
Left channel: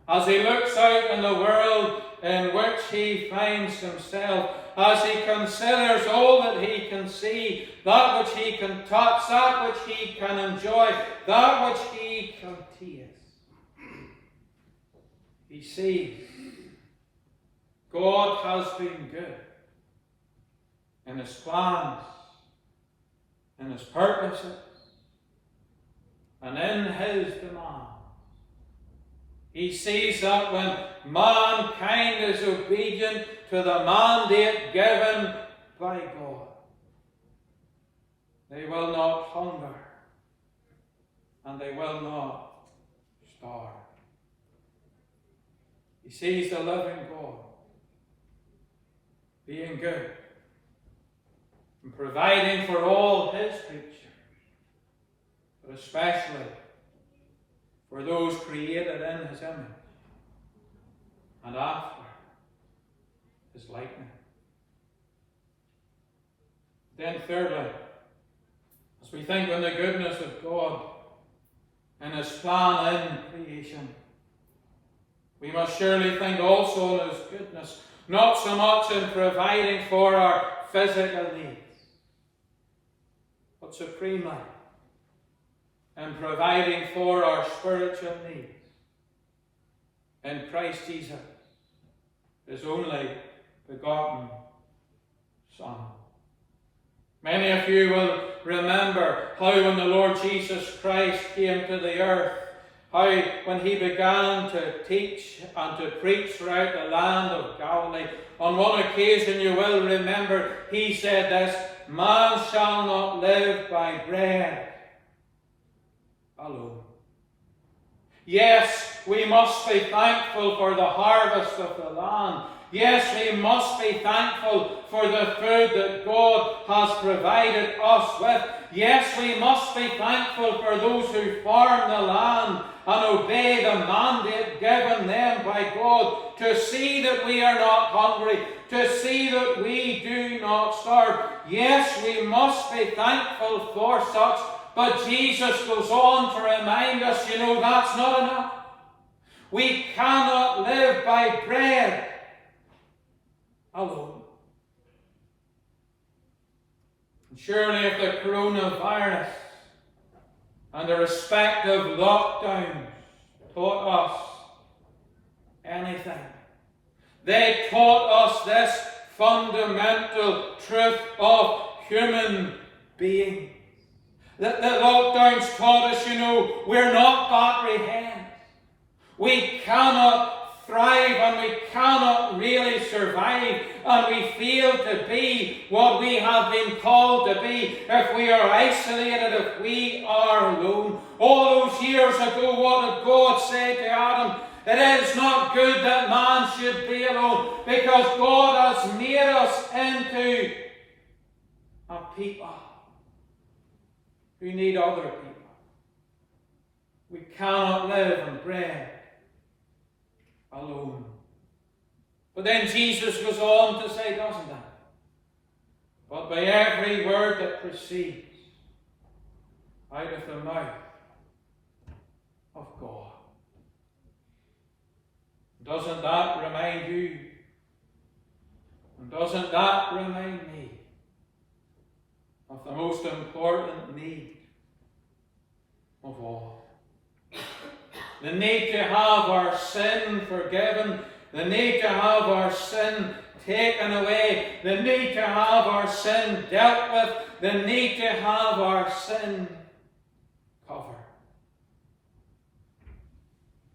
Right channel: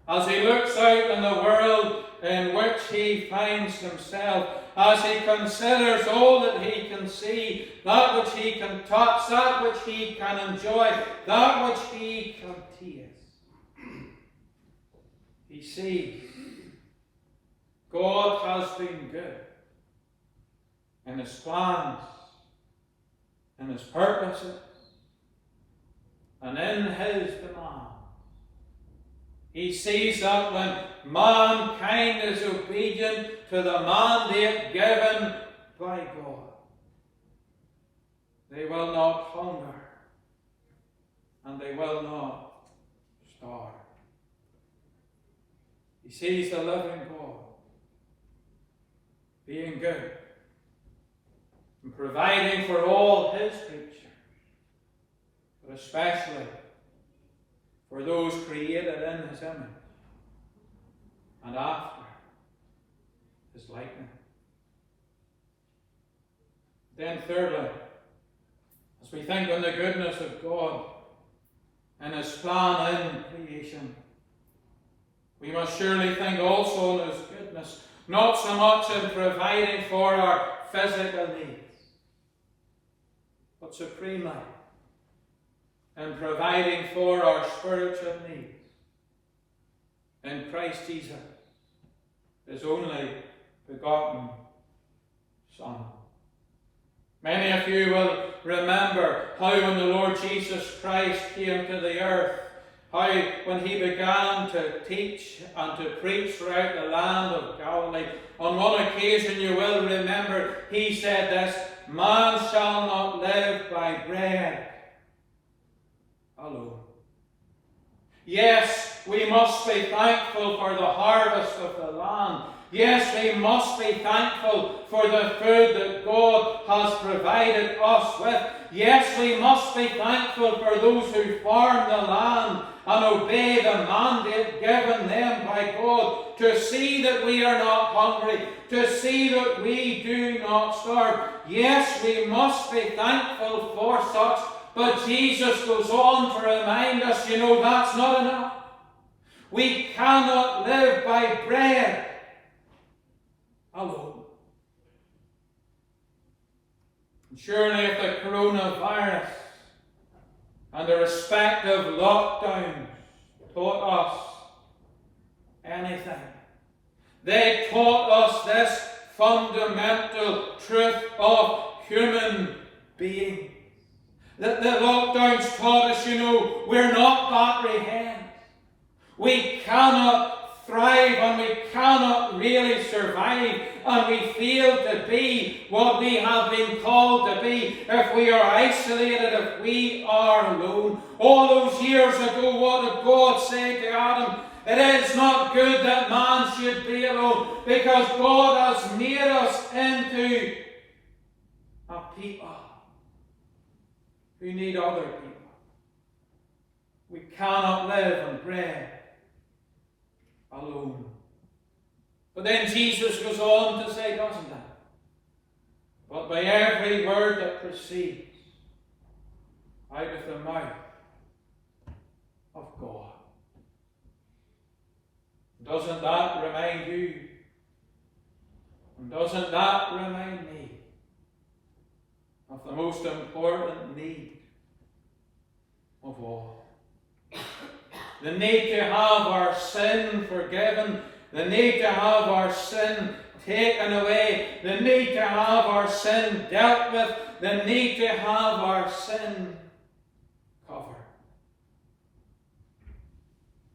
as he looks out in the world in which he finds himself, as he considers all that he can see, that which he can touch, that which he can enjoy, that which he can taste, he sees God has been good in his plans, in his purposes, and in his demands. He sees that when mankind is obedient to the mandate given by God, they will not hunger and they will not starve. He sees the living God being good and providing for all his creatures, but especially for those created in his image and after his likeness. Then thirdly, as we think on the goodness of God and his plan in creation, we must surely think also on his goodness, not so much in providing for our physical needs, but supremely in providing for our spiritual needs in Christ Jesus, his only begotten Son. Many of you will remember how when the Lord Jesus Christ came to the earth, how when he began to teach and to preach throughout the land of Galilee, on one occasion you will remember he said this, "Man shall not live by bread alone." Yes, we must be thankful for the harvest of the land. Yes, we must be thankful for the food that God has provided us with. Yes, we must be thankful for those who farm the land and obey the mandate given them by God, to see that we are not hungry, to see that we do not starve. Yes, we must be thankful for such. But Jesus goes on to remind us, that's not enough. We cannot live by bread alone. And surely if the coronavirus and the respective lockdowns taught us anything, they taught us this fundamental truth of human being. That the lockdowns taught us, we're not battery hens. We cannot thrive and we cannot really survive, and we fail to be what we have been called to be if we are isolated, if we are alone. All those years ago, what did God say to Adam? It is not good that man should be alone, because God has made us into a people who need other people. We cannot live on bread alone. But then Jesus goes on to say, doesn't he? But by every word that proceeds out of the mouth of God. Doesn't that remind you And doesn't that remind me of the most important need of all? The need to have our sin forgiven, the need to have our sin taken away, the need to have our sin dealt with, the need to have our sin covered.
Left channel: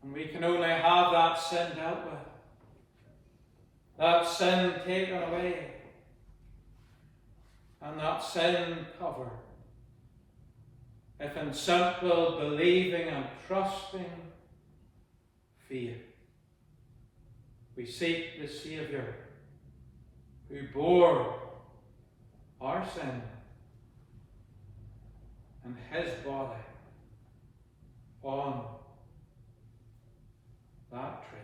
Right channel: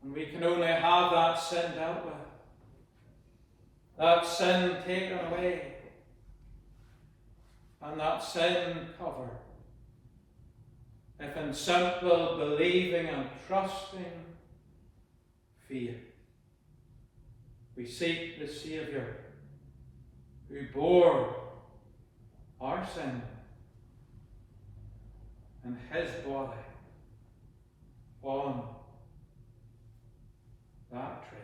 And we can only have that sin dealt with, that sin taken away, and that sin covered, if in simple believing and trusting faith we seek the Saviour who bore our sin in his body on that tree.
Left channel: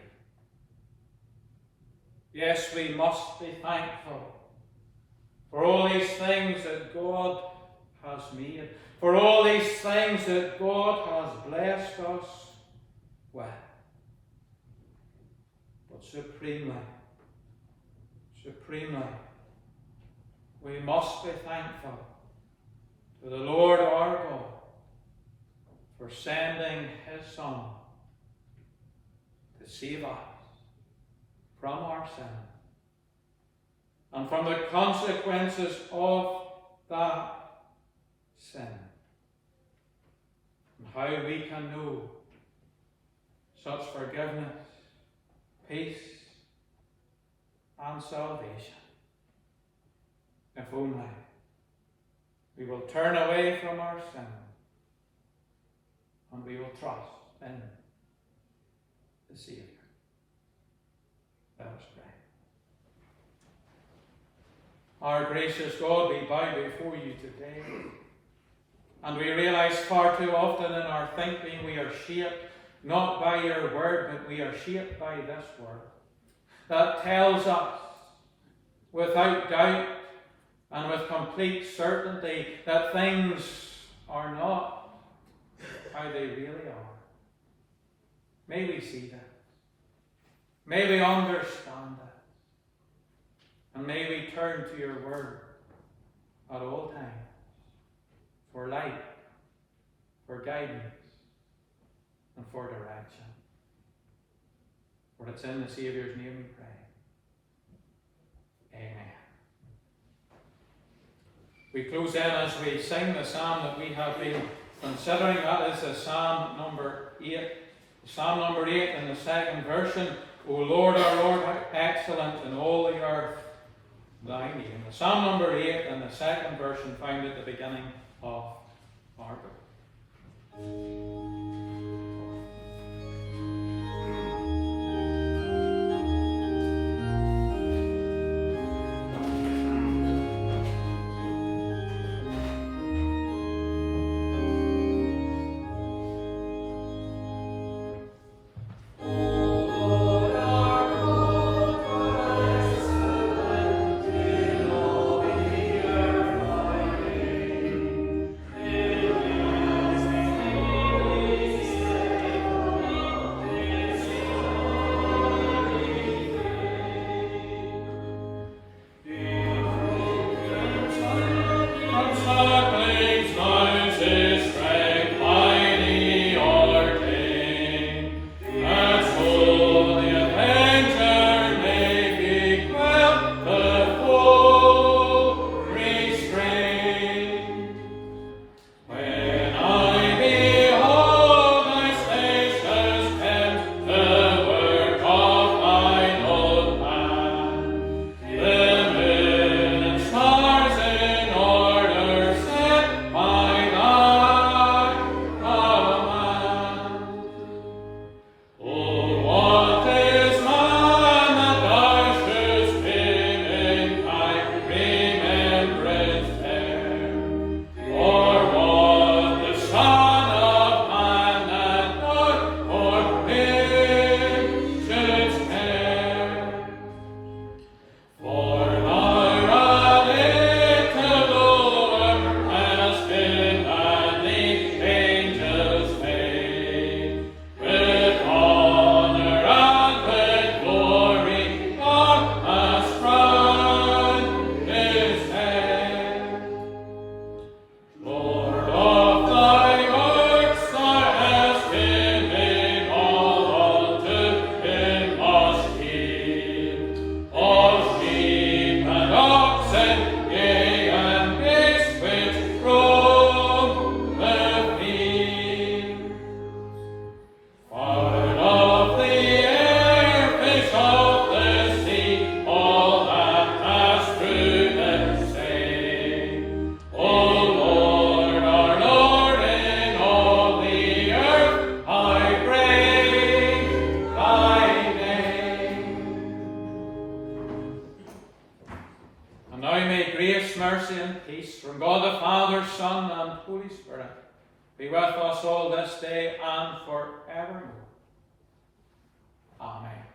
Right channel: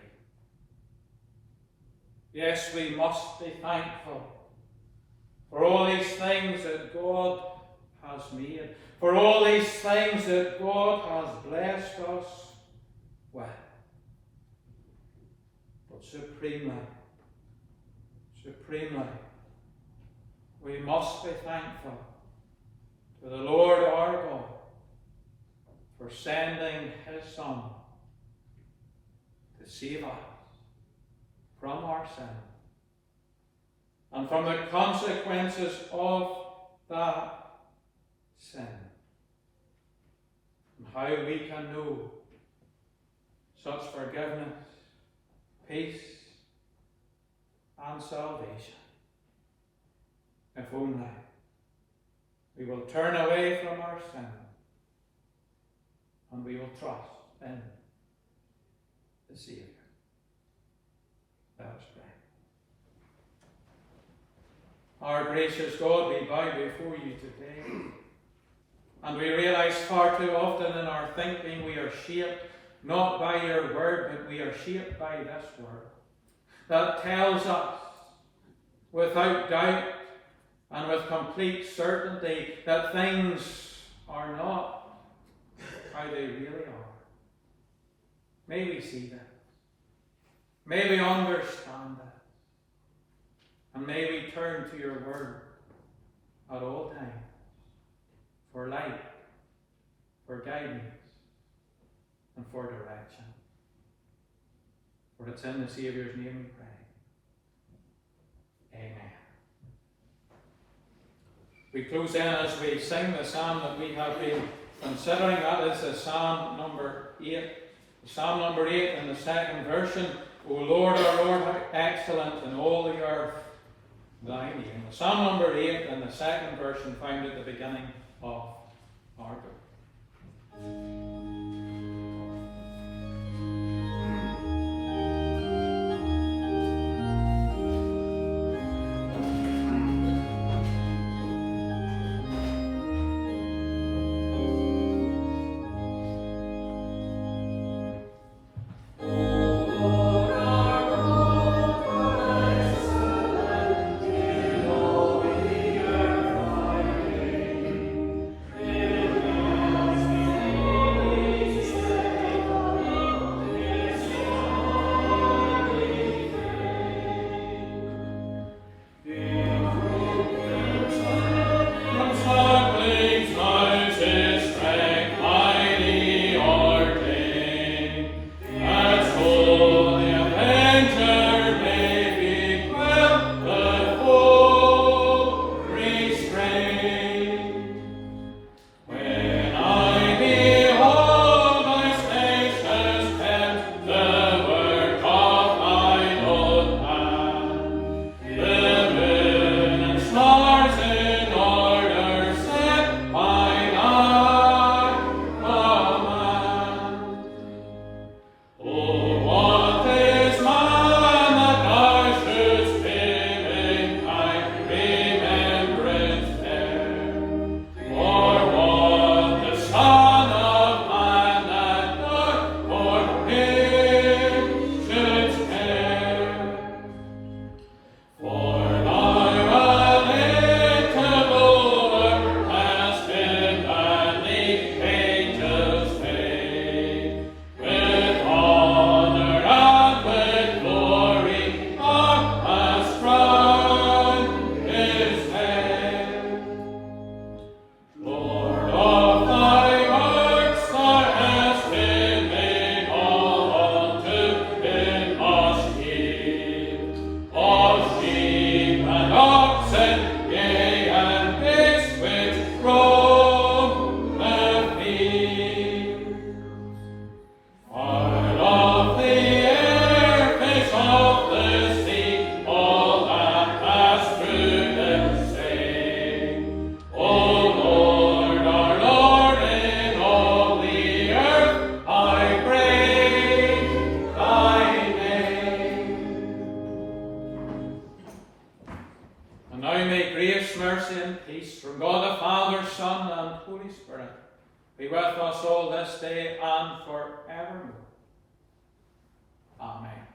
Yes, we must be thankful for all these things that God has made, for all these things that God has blessed us with. But supremely, we must be thankful to the Lord our God for sending his Son to save us from our sin and from the consequences of that sin, and how we can know such forgiveness, peace, and salvation, if only we will turn away from our sin and we will trust in the Saviour. Let us pray. Our gracious God, we bow before you today, and we realize far too often in our thinking we are shaped not by your word, but we are shaped by this word that tells us without doubt and with complete certainty that things are not how they really are. May we see that. May we understand that. And may we turn to your word at all times for light, for guidance, and for direction. For it's in the Saviour's name we pray. Amen. We close then as we sing the psalm that we have been considering. That is the Psalm number 8. Psalm number 8 in the second version. O Lord, our Lord, how excellent in all the earth thy name. The Psalm number 8 in the second version found at the beginning of our book. oxen, yea, and beasts which roam the field. Fowl of the air, fish of the sea, all that pass through the sea. O Lord, our Lord, in all the earth, I praise thy name. And now may grace, mercy, and peace from God the Father, Son, and Holy Spirit be with us all this day and forevermore. Amen.